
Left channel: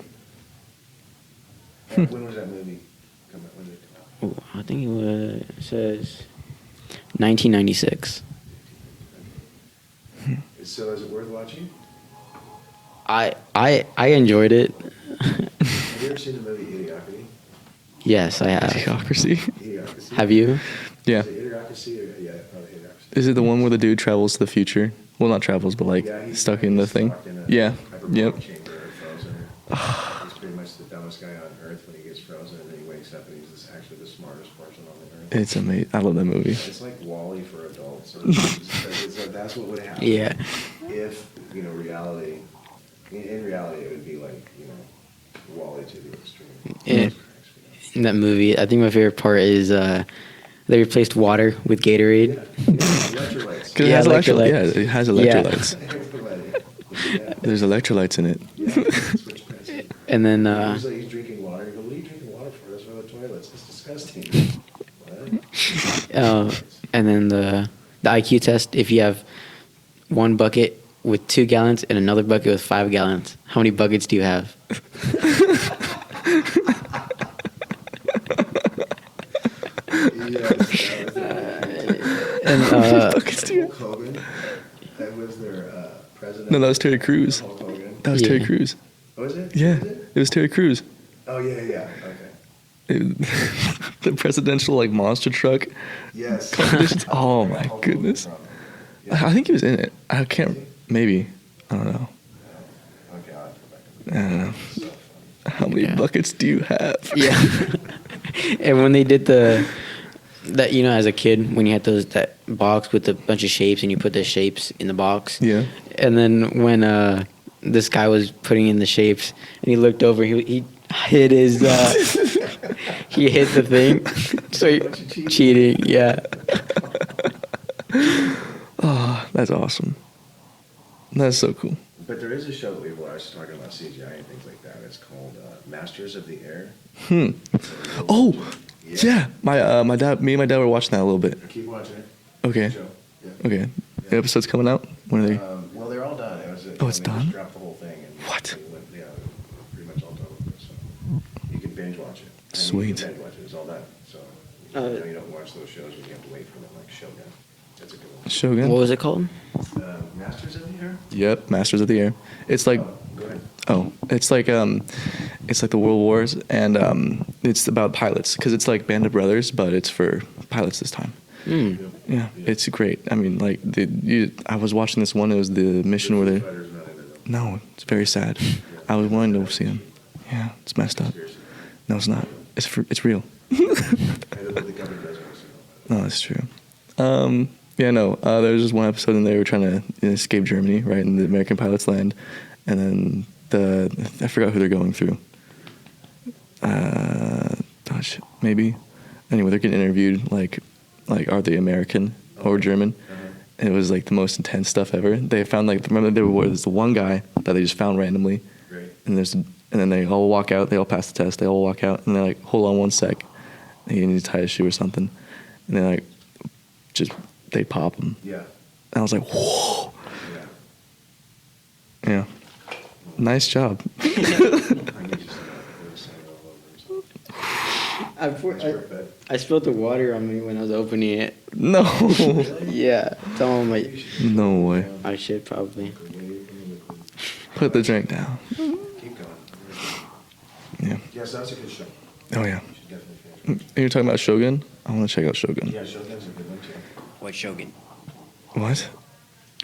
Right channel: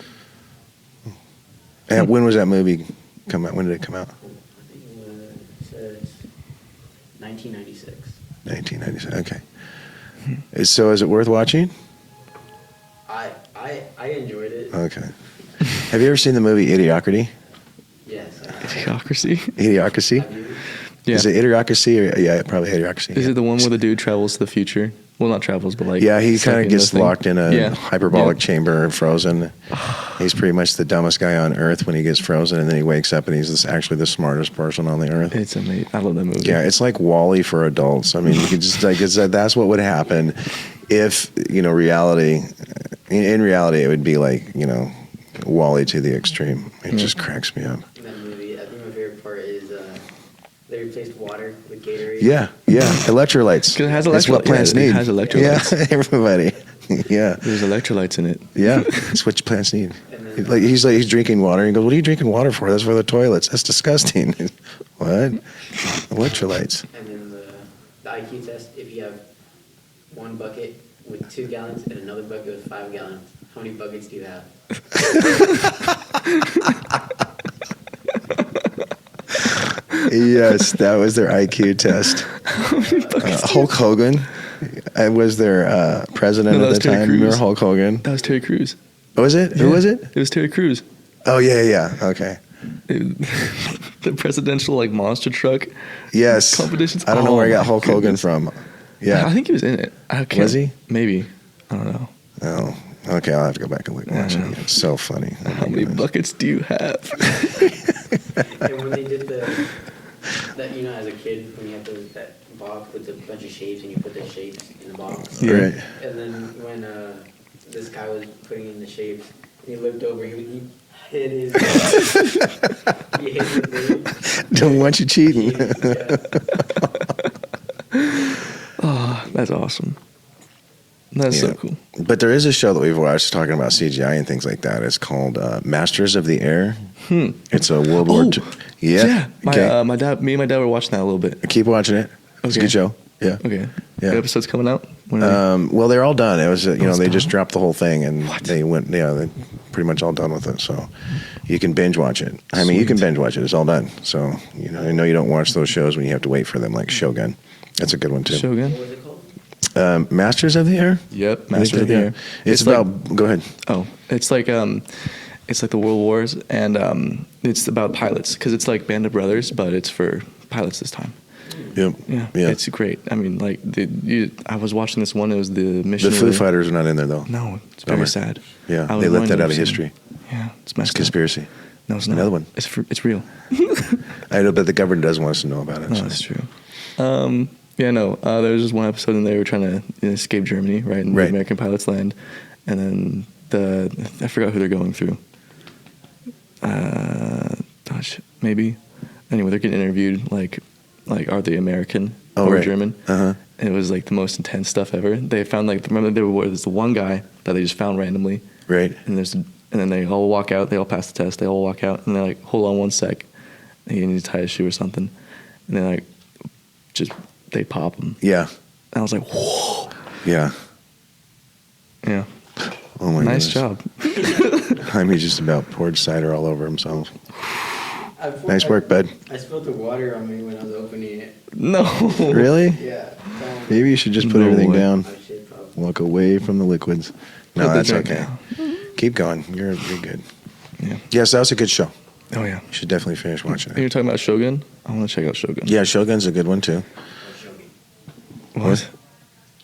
And when was that movie come out? When did it come out? Ooh, I think it says 1996. 1996. Okay. So is it worth watching? I enjoyed it. Okay. Have you ever seen the movie Idiocracy? Yes, I have. Idiocracy? Have you? Yeah. Is it Idiocracy or yeah, probably Idiocracy. Is it the one where the dude travels to the future? Well, not travels, but like yeah, he stuck kind of in gets the thing. locked in a hyperbolic chamber and frozen. He's pretty much the dumbest guy on earth when he gets frozen, and then he wakes up and he's actually the smartest person on the earth. It's amazing. I love that movie. Yeah, it's like WALL-E for adults. I mean, you could just like that's what would happen if reality. In reality, it would be like WALL-E to the extreme. It just cracks me up. In that movie, I think my favorite part is they replaced water with Gatorade. Yeah, electrolytes. Because it has electrolytes. It has electrolytes. Yeah, everybody. Yeah. There's electrolytes in it. Yeah, that's what plants need. And then he's drinking water. And he goes, "What are you drinking water for? That's for the toilets. That's disgusting." What? Electrolytes. And then the IQ test. If you have one bucket with 2 gallons and another bucket with 5 gallons, how many buckets do you have? Yes, that was their IQ test. Hulk Hogan was their president. No, that was at the Terry time. Crews. Hulk Hogan. That was Terry Crews. Oh, was it? Yeah. Who was it? It was Terry Crews. Oh, yeah. Okay. The presidential monster truck. Yes. Competitions. I don't know where I got my Hulk goodness. Hogan from. Yeah. I think he was in it. I can't. Was he? Maybe. I don't know. Oh. Okay, I'll have to go back and look. It's so funny. How many buckets do you have? Yeah. And when they did that as a kid, when you had that box with a bunch of shapes and you put the shapes in the box. Yeah. Right. And then when this guy was putting in the shapes and he looked over, he hit his he hit the thing. Don't want you cheating. Yeah. Oh, that's awesome. That's so cool. But there is a show that we've watched talking about CGI and things like that. It's called Masters of the Air. It's a World War II. Yeah. My dad, me and my dad were watching that a little bit. Keep watching it. It's a Okay. good show. Yeah. Okay. Yeah. The episode's coming out? When are they? Well, they're all done. It was they it's just done? dropped the whole thing and What? they went. Yeah, they're pretty much all done with it. So you can binge watch it. I mean, you can Sweet. binge watch it. It's all done. So I know you don't watch those shows when you have to wait for them, like Shogun. That's a good one too. Shogun? What was it called? Masters of the Air. Yep. Masters of the Air. It's like about. Go ahead. it's like the World Wars, and it's about pilots because it's like Band of Brothers, but it's for pilots this time. Yep. Yeah, it's great. I mean, I was watching this one. It was the mission. The where Foo Fighters are not in there though. No, it's very Bummer. sad. Yeah, I was they left wanting that to out of see them. history. Yeah, it's It's messed up. conspiracy. No, it's not. Another one. It's real. I know, but the government doesn't want us to know about it. No, so. that's true. Yeah, no. There was just one episode, and they were trying to escape Germany, right? And the Right. American pilots land, and then I forgot who they're going through. Maybe. Anyway, they're getting interviewed. Like, are they American or right. German? Uh-huh. And it was like the most intense stuff ever. They found remember there was the one guy that they just found randomly, Right. and then they all walk out. They all pass the test. They all walk out, and they're like, "Hold on one sec, you need to tie his shoe or something." And they're like, they pop him. Yeah. And I was like, "Whoa!" Yeah. Yeah, Oh my nice goodness. job. Jaime just about poured cider all over himself. Nice work, bud. I spilled the water on me when I was opening it. No, Really? Yeah. Maybe you should just put No everything way. down. I should probably. Walk away from the liquids. Put the that's drink okay. down. Keep going. You're good. Yeah. Yes, that was a good show. Oh yeah. You should definitely finish watching And it. you're talking about Shogun? I want to check out Shogun. Yeah, Shogun's a good one too. What Shogun? What?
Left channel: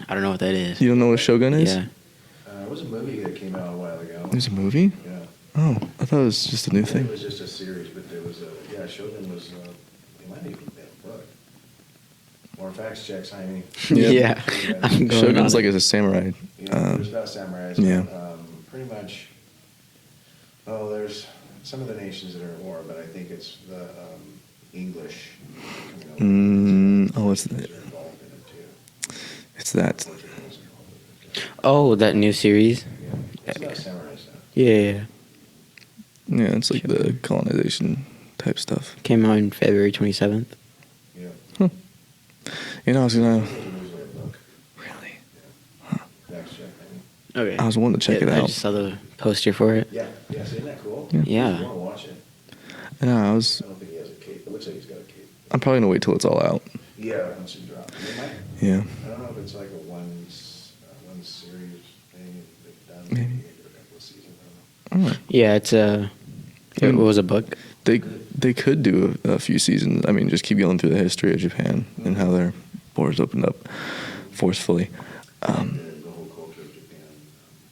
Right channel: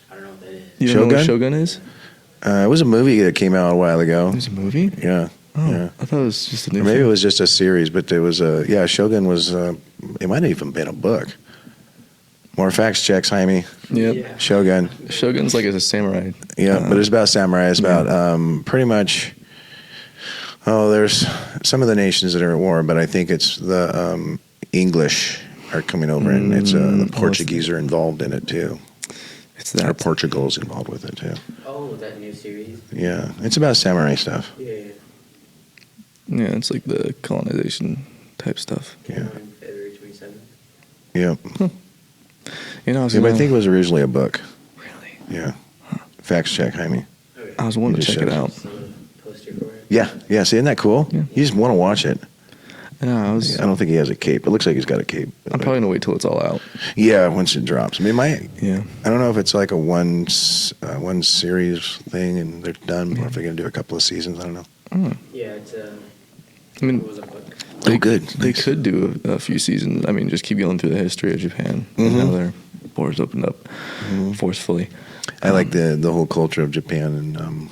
I don't know what that is. You don't know what Shogun? Shogun is? Yeah. It was a movie that came out a while ago. There's a movie? Yeah. Oh, Yeah. I thought it was just a new Maybe thing. it was just a series, but there was Shogun was. It might have even been a book. More facts checks, Jaime. Yep. Yeah. Shogun. Shogun's like a samurai. Yeah, but it's about samurai. It's about pretty much. Oh, there's some of the nations that are at war, but I think it's the English are coming over, and it's the Portuguese are involved in it too. It's that. Portugal's involved with it too. Oh, that new series. Yeah, it's about samurai stuff. Yeah. Yeah, it's like the colonization type stuff. Came out in February 27th. Yeah. You know, I was I gonna, think it was originally a book. really. Yeah. Facts check, Jaime. Okay. I was wanting to check it I out. just saw the poster for it. Yeah. Yeah. See, isn't that cool? Yeah. You just want to watch it. Yeah, I was. I don't think he has a cape. It looks like he's got a cape. I'm probably gonna wait till it's all out. Yeah, once it drops. I mean, Yeah. I don't know if it's like a one series thing and they're done, or if they're gonna do a couple of seasons. I don't know. Oh, Yeah, it's a. mean, What was a book? they good. They could do a few seasons. I mean, just keep going through the history of Japan and how their borders opened up forcefully. I like the whole culture of Japan, and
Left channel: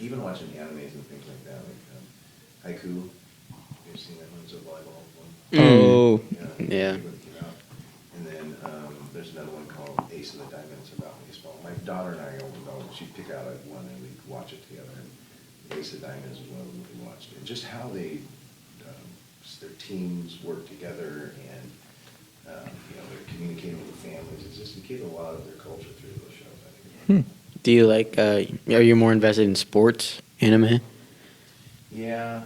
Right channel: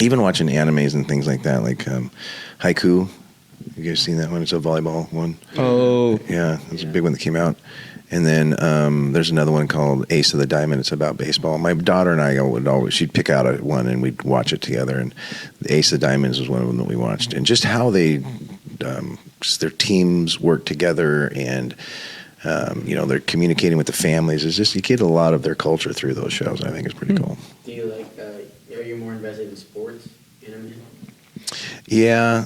even watching animes and things like that, like Haiku. You guys seen that one? It's a volleyball one. Oh, Yeah, it's Yeah. a big one that came out. And then there's another one called Ace of the Diamond. It's about baseball. My daughter and I would always, she'd pick out one and we'd watch it together. And the Ace of Diamonds was one of them that we watched. And just how they, just their teams work together and, they're communicating with the families. It's just, you get a lot of their culture through those shows. I think it's pretty cool. Do you like? Are you more invested in sports, anime? Yeah,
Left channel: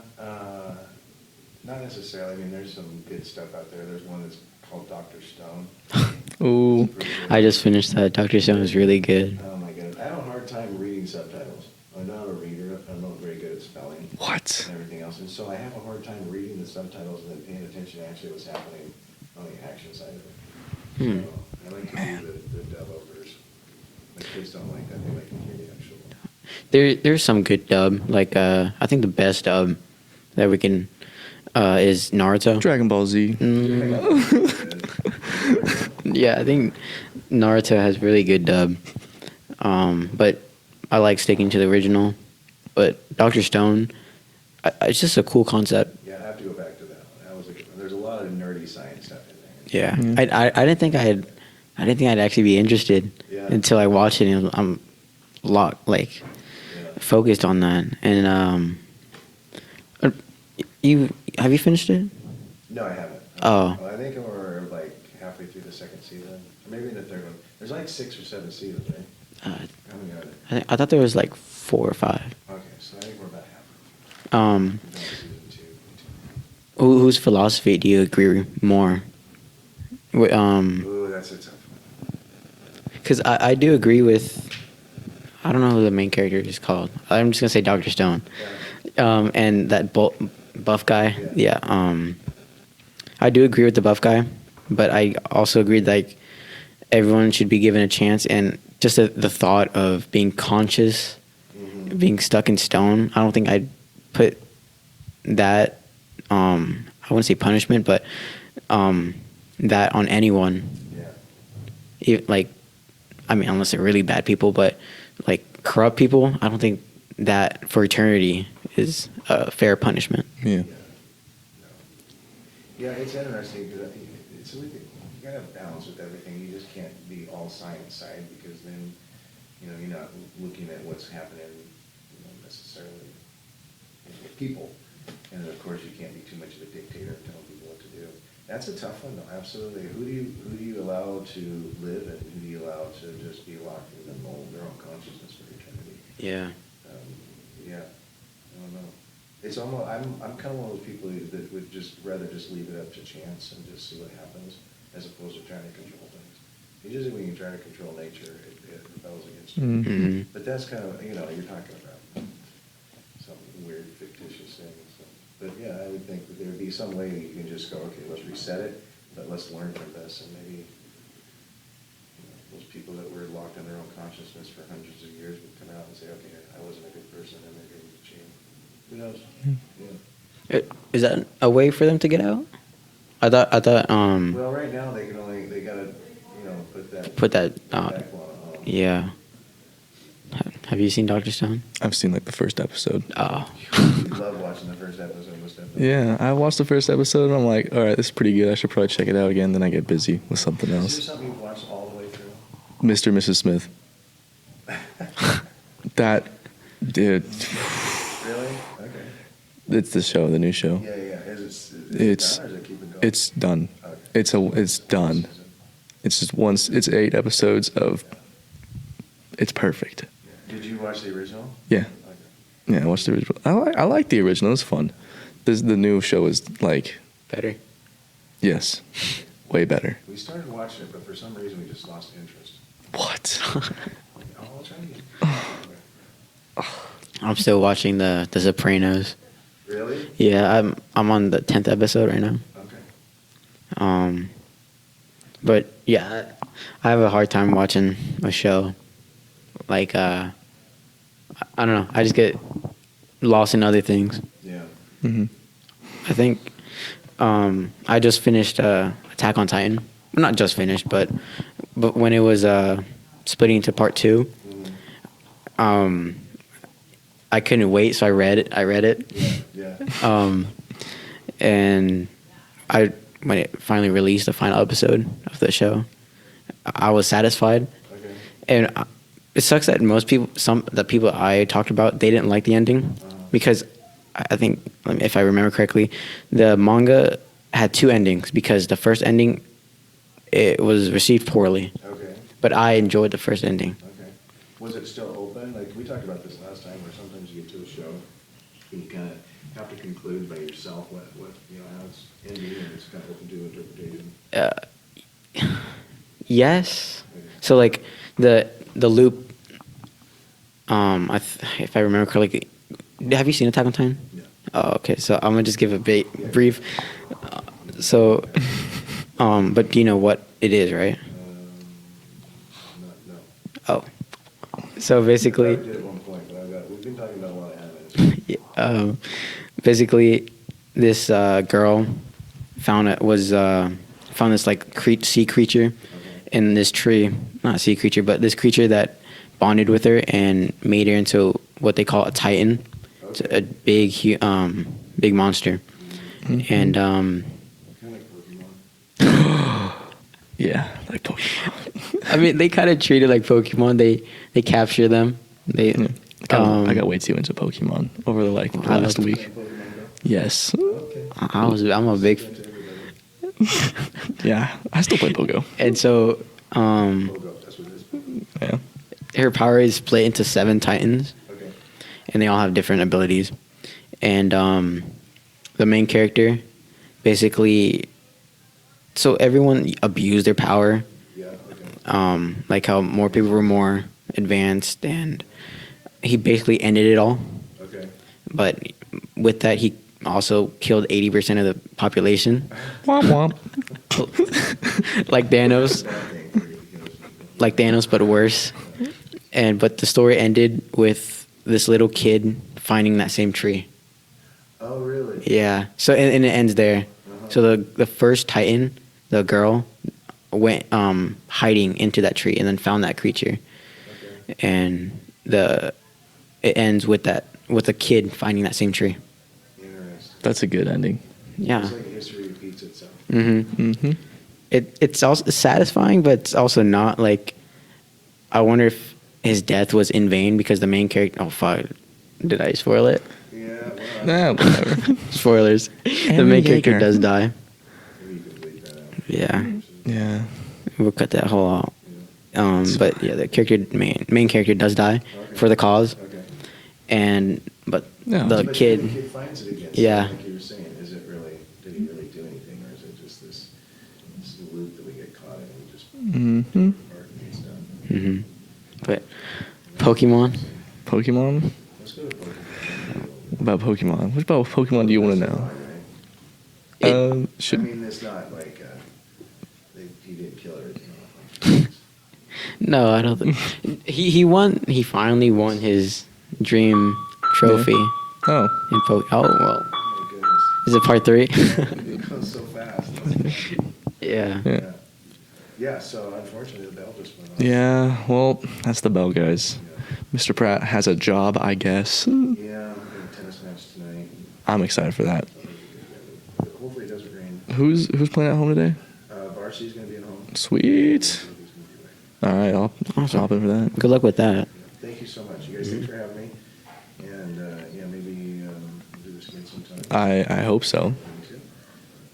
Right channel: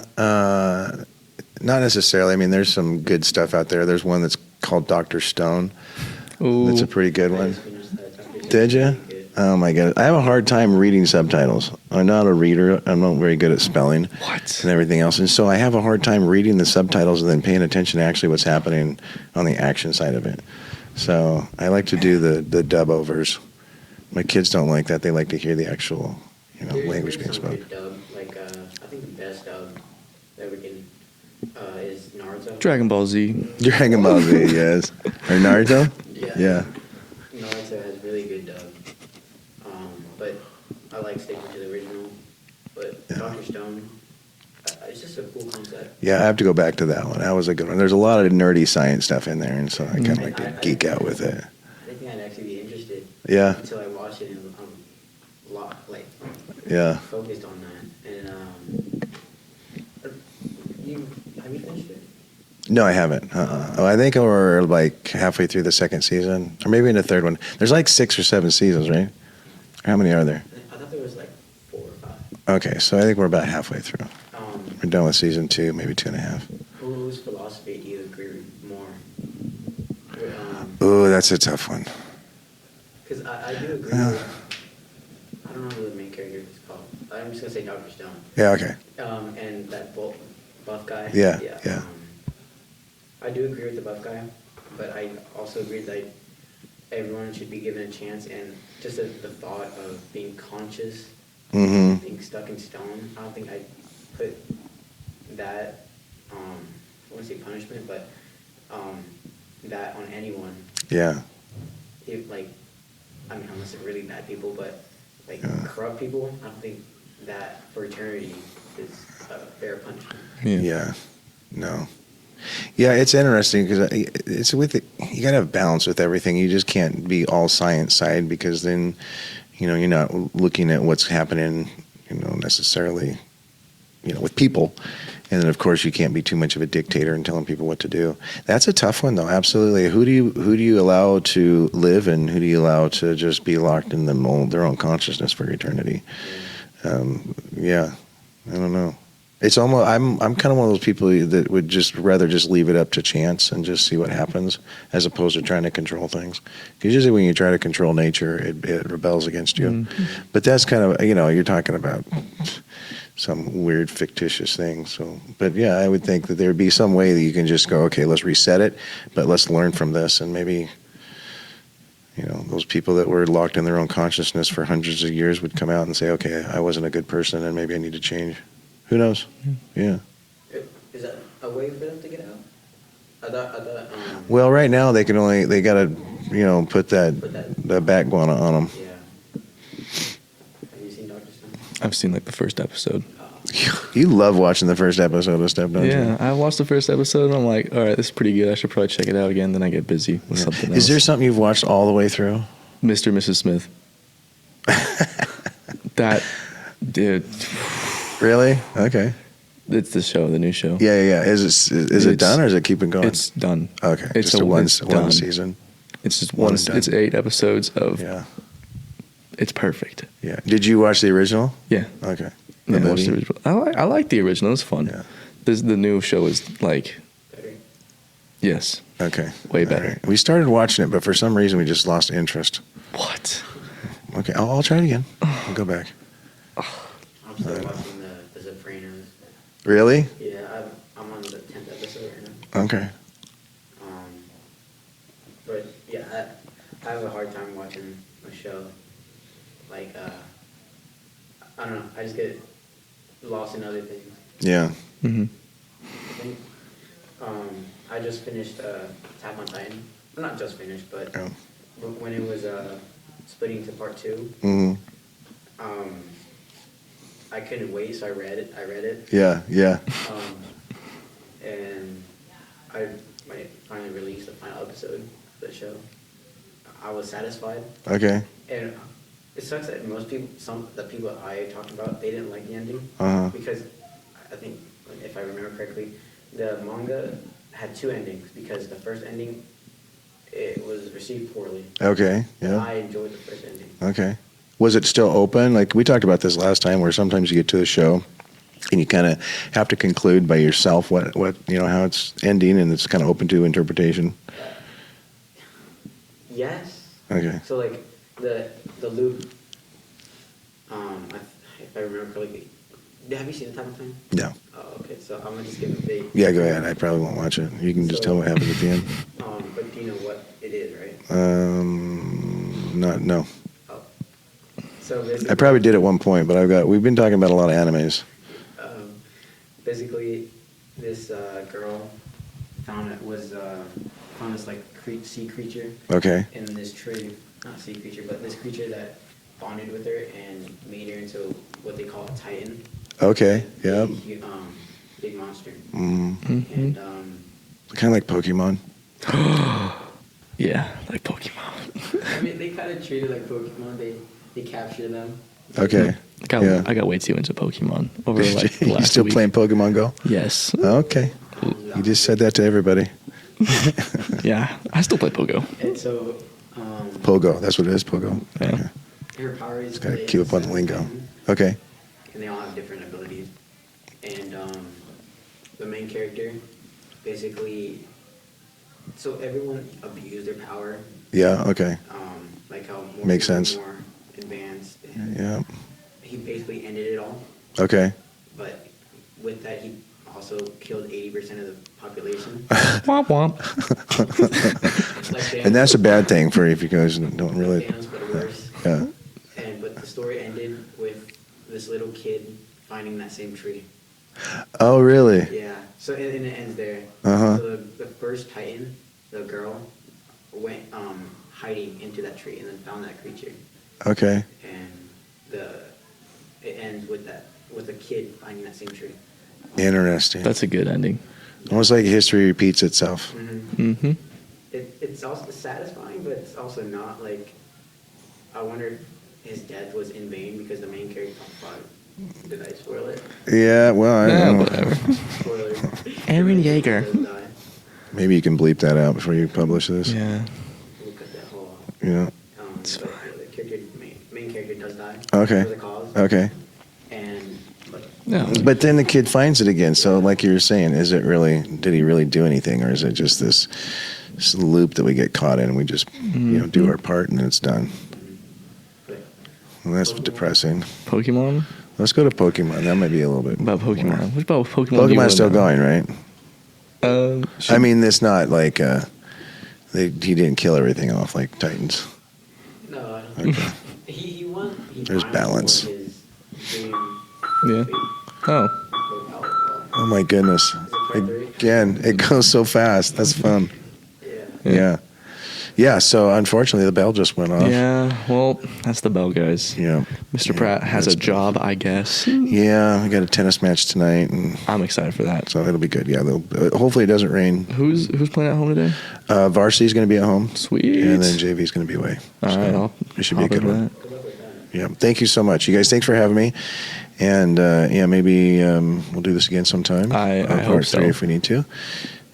not necessarily. I mean, there's some good stuff out there. There's one that's called Dr. Stone. oh, That's a pretty good one. I just finished that. Dr. Stone Did is you? really good. Oh my god, I have a hard time reading subtitles. I'm not a reader. I'm not very good at spelling what? and everything else, and so I have a hard time reading the subtitles and then paying attention to actually what's happening on the action side of it. So I like to do the dub overs. My kids don't like that. They like to hear the actual. language There's some being good dub. Like I think the best dub that we can is Naruto. Dragon Ball Z. spoken. Dragon Ball Z, yes. And Naruto. Yeah, I think Naruto has really good dub. But I like sticking to the original. But Dr. Stone, it's just a cool concept. Yeah, I have to go back to that one. That was a good one. There's a lot of nerdy science stuff in there, and so Yeah, I kinda I didn't geek think out with it. I didn't think I'd actually be interested. Yeah. Until I watched it, and I'm locked, like Yeah. focused on that. And have you finished it? No, I haven't. Oh. I think we're like halfway through the second season, or maybe in the third one. There's like 6 or 7 seasons, right? How many are there? I thought there was like 4 or 5. Okay, so I think we're about halfway through. We're done with season 2, maybe 2.5. Whose philosophy do you agree more? Oh, that's a tough one. Because I do agree with. I don't know who the main character is called. I'm just gonna say Dr. Stone. Yeah, okay. And that buff guy. Yeah, Yeah. yeah. I do agree with the buff guy, but I also agree like everyone should be given a chance, and just the thought of being conscious, being stuck in stone. I don't think I'd put that. I wouldn't say punishment, but that on anyone. Yeah. Unless they're really bad people, but corrupt people, I don't think that for eternity is a fair punishment. Yeah. No. Yeah, it's interesting because it's you got to have balance with everything. You just can't be all science side because then, you're not looking at what's happening, necessarily, with people. And then, of course, you can't be too much of a dictator and telling people what to do. That's a tough one, though. Absolutely. Who do you allow to live, and who do you allow to just be locked in their own consciousness for eternity? Yeah. I don't know. It's almost. I'm kind of one of those people that would just rather just leave it up to chance and just see what happens, as opposed to trying to control things. Because usually when you try to control nature, it rebels against you. Mm-hmm. But that's kind of you're talking about some weird fictitious thing. So, but yeah, I would think that there would be some way that you can just go, okay, let's reset it, but let's learn from this, and maybe those people that were locked in their own consciousness for hundreds of years would come out and say, okay, I wasn't a good person, and maybe I need to change. Who knows? Yeah. Is that a way for them to get out? I thought. Well, right now they gotta put that Put that backbone on them. Yeah. Have you seen Dr. Stone? I've seen like the first episode. Oh. You love watching the first episode of stuff, don't you? Yeah, I watched the first episode and I'm like, all right, this is pretty good. I should probably check it out again. Then I get busy with something else. Is there something you've watched all the way through? Mr. and Mrs. Smith. That, dude. Really? Okay. It's the show, the new show. Yeah. Is it done or is it keeping going? It's done. Okay. It's Just done. one season. It's just One one. and done. It's 8 episodes of. Yeah. It's perfect. Yeah. Did you watch the original? Yeah. Okay. Yeah, And I watched the then original. I like the original. It's fun. Yeah. The new show is like, Better. yes, Okay. way better. We started watching it, but for some reason we just lost interest. What? Okay, I'll try it again. I'll go back. I'm still watching the Sopranos. Really? Yeah, I'm on the 10th episode right now. Okay. But yeah, I have a hard time watching a show. Like, I don't know. I just get lost in other things. Yeah. Mm-hmm. I think I just finished Attack on Titan. Well, not just finished, but when it was splitting into part 2, Mm-hmm. I couldn't wait, so I read it. Yeah. And when it finally released the final episode of the show, I was satisfied. Okay. And it sucks that most people, the people I talked about, they didn't like the ending because I think, if I remember correctly, the manga had 2 endings because the first ending, it was received poorly. Okay. But I enjoyed the first ending. Okay. Was it still open? Like we talked about this last time, where sometimes you get to a show and you kind of have to conclude by yourself what how it's ending, and it's kind of open to interpretation. Yes. Okay. So like the loop. If I remember correctly, have you seen Attack on Titan? No. Oh, okay. So I'm gonna just give a bit. Yeah, go brief. ahead. I probably won't watch it. You can So- just tell what happens at the end. But do you know what it is, right? No. Oh. So basically, I probably did at one point, but we've been talking about a lot of animes. Basically, this girl found this like sea creature Okay. in this tree. Not a sea creature, but this creature that bonded with her and made her into what they call a titan. Okay. A big monster. Mm-hmm. And Kind of like Pokemon. Yeah, like Pokemon. I mean, they kind of treat it like Pokemon. They capture them. Okay. I got way too into Pokemon over like I'm last still week. playing Pokemon Go. Yes. Okay. I'm You a just said big. that to everybody. Yeah, I still play Pogo. And so Pogo. That's what it is. Pogo. Yeah. her power is split into cute 7 Lino. titans. Okay. And they all have different abilities. And the main character, basically, so everyone abused their power. Yeah. Okay. Like how more Makes people sense. were more advanced, and Yeah. he basically ended it all. Okay. But with that, he also killed 80% of the population, Womp womp. like Thanos. And that's a bad thing for if you guys don't really. like Thanos, but worse. Yeah. But the story ended with this little kid finding that same tree. Oh, really? Yeah. So and it ends there. Uh-huh. So the first Titan, the girl, went hiding into that tree and then found that creature. Okay. And it ends with a kid finding that same tree. Interesting. That's a good ending. Yeah. Almost like history repeats itself. Mm-hmm. Mm-hmm. It's also satisfying, but it's also not. Like, I wonder if his death was in vain because the main character. Oh fuck! Did I spoil it? Yeah. Well, I Yeah, don't know. whatever. Spoilers. The Aaron main character Yeager. does die. Maybe you can bleep that out before you Yeah. publish this. Yeah. We'll cut that whole out. Yeah. But yeah, the main character does die Okay. for the cause. Okay. But No. But then the kid finds it again. So, Yeah. like you were saying, did he really do anything, or is it just this loop that we get caught in and we just do our part and then it's done? Mm-hmm. But Well, that's Pokemon? depressing. Pokemon? Let's go to Pokemon. That might be a little bit. About Pokemon. What about Pokemon do you want Pokemon's to still know? going, right? I mean, it's not like he didn't kill everything off like Titans. no, I don't think he won. He finally balance. won his dream trophy. Oh. In oh well, Oh my goodness. is it part 3? Yeah, it goes so fast. That's fun. Yeah. Yeah. Yeah, so unfortunately the bell just went off. Yeah, well, that's the bell, guys. Yeah. Mr. Pratt has a job, I guess. Yeah, we got a tennis match tonight, and I'm excited for that. so it'll be good. Yeah, hopefully it doesn't rain. Who's playing at home today? Varsity's going to be at home. Sweet. And then JV's going to be away. All right, I'll should hop be over good. that. Good luck with that. Yeah, thank you so much. You guys, thanks for having me. And yeah, maybe we'll do this again sometime. I hope Part three so. if we need to.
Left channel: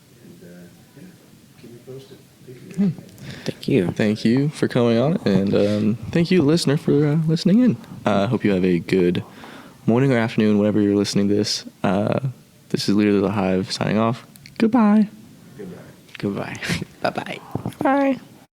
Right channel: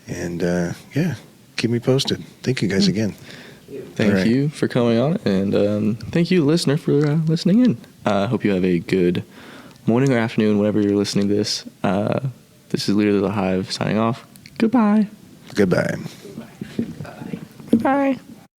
And yeah, keep me posted. Thank you guys again. Thank you. Thank All right. you for coming on, and thank you, listener, for listening in. Hope you have a good morning or afternoon, whenever you're listening to this. This is Leader of the Hive signing off. Goodbye. Goodbye. Goodbye. Bye-bye. Goodbye.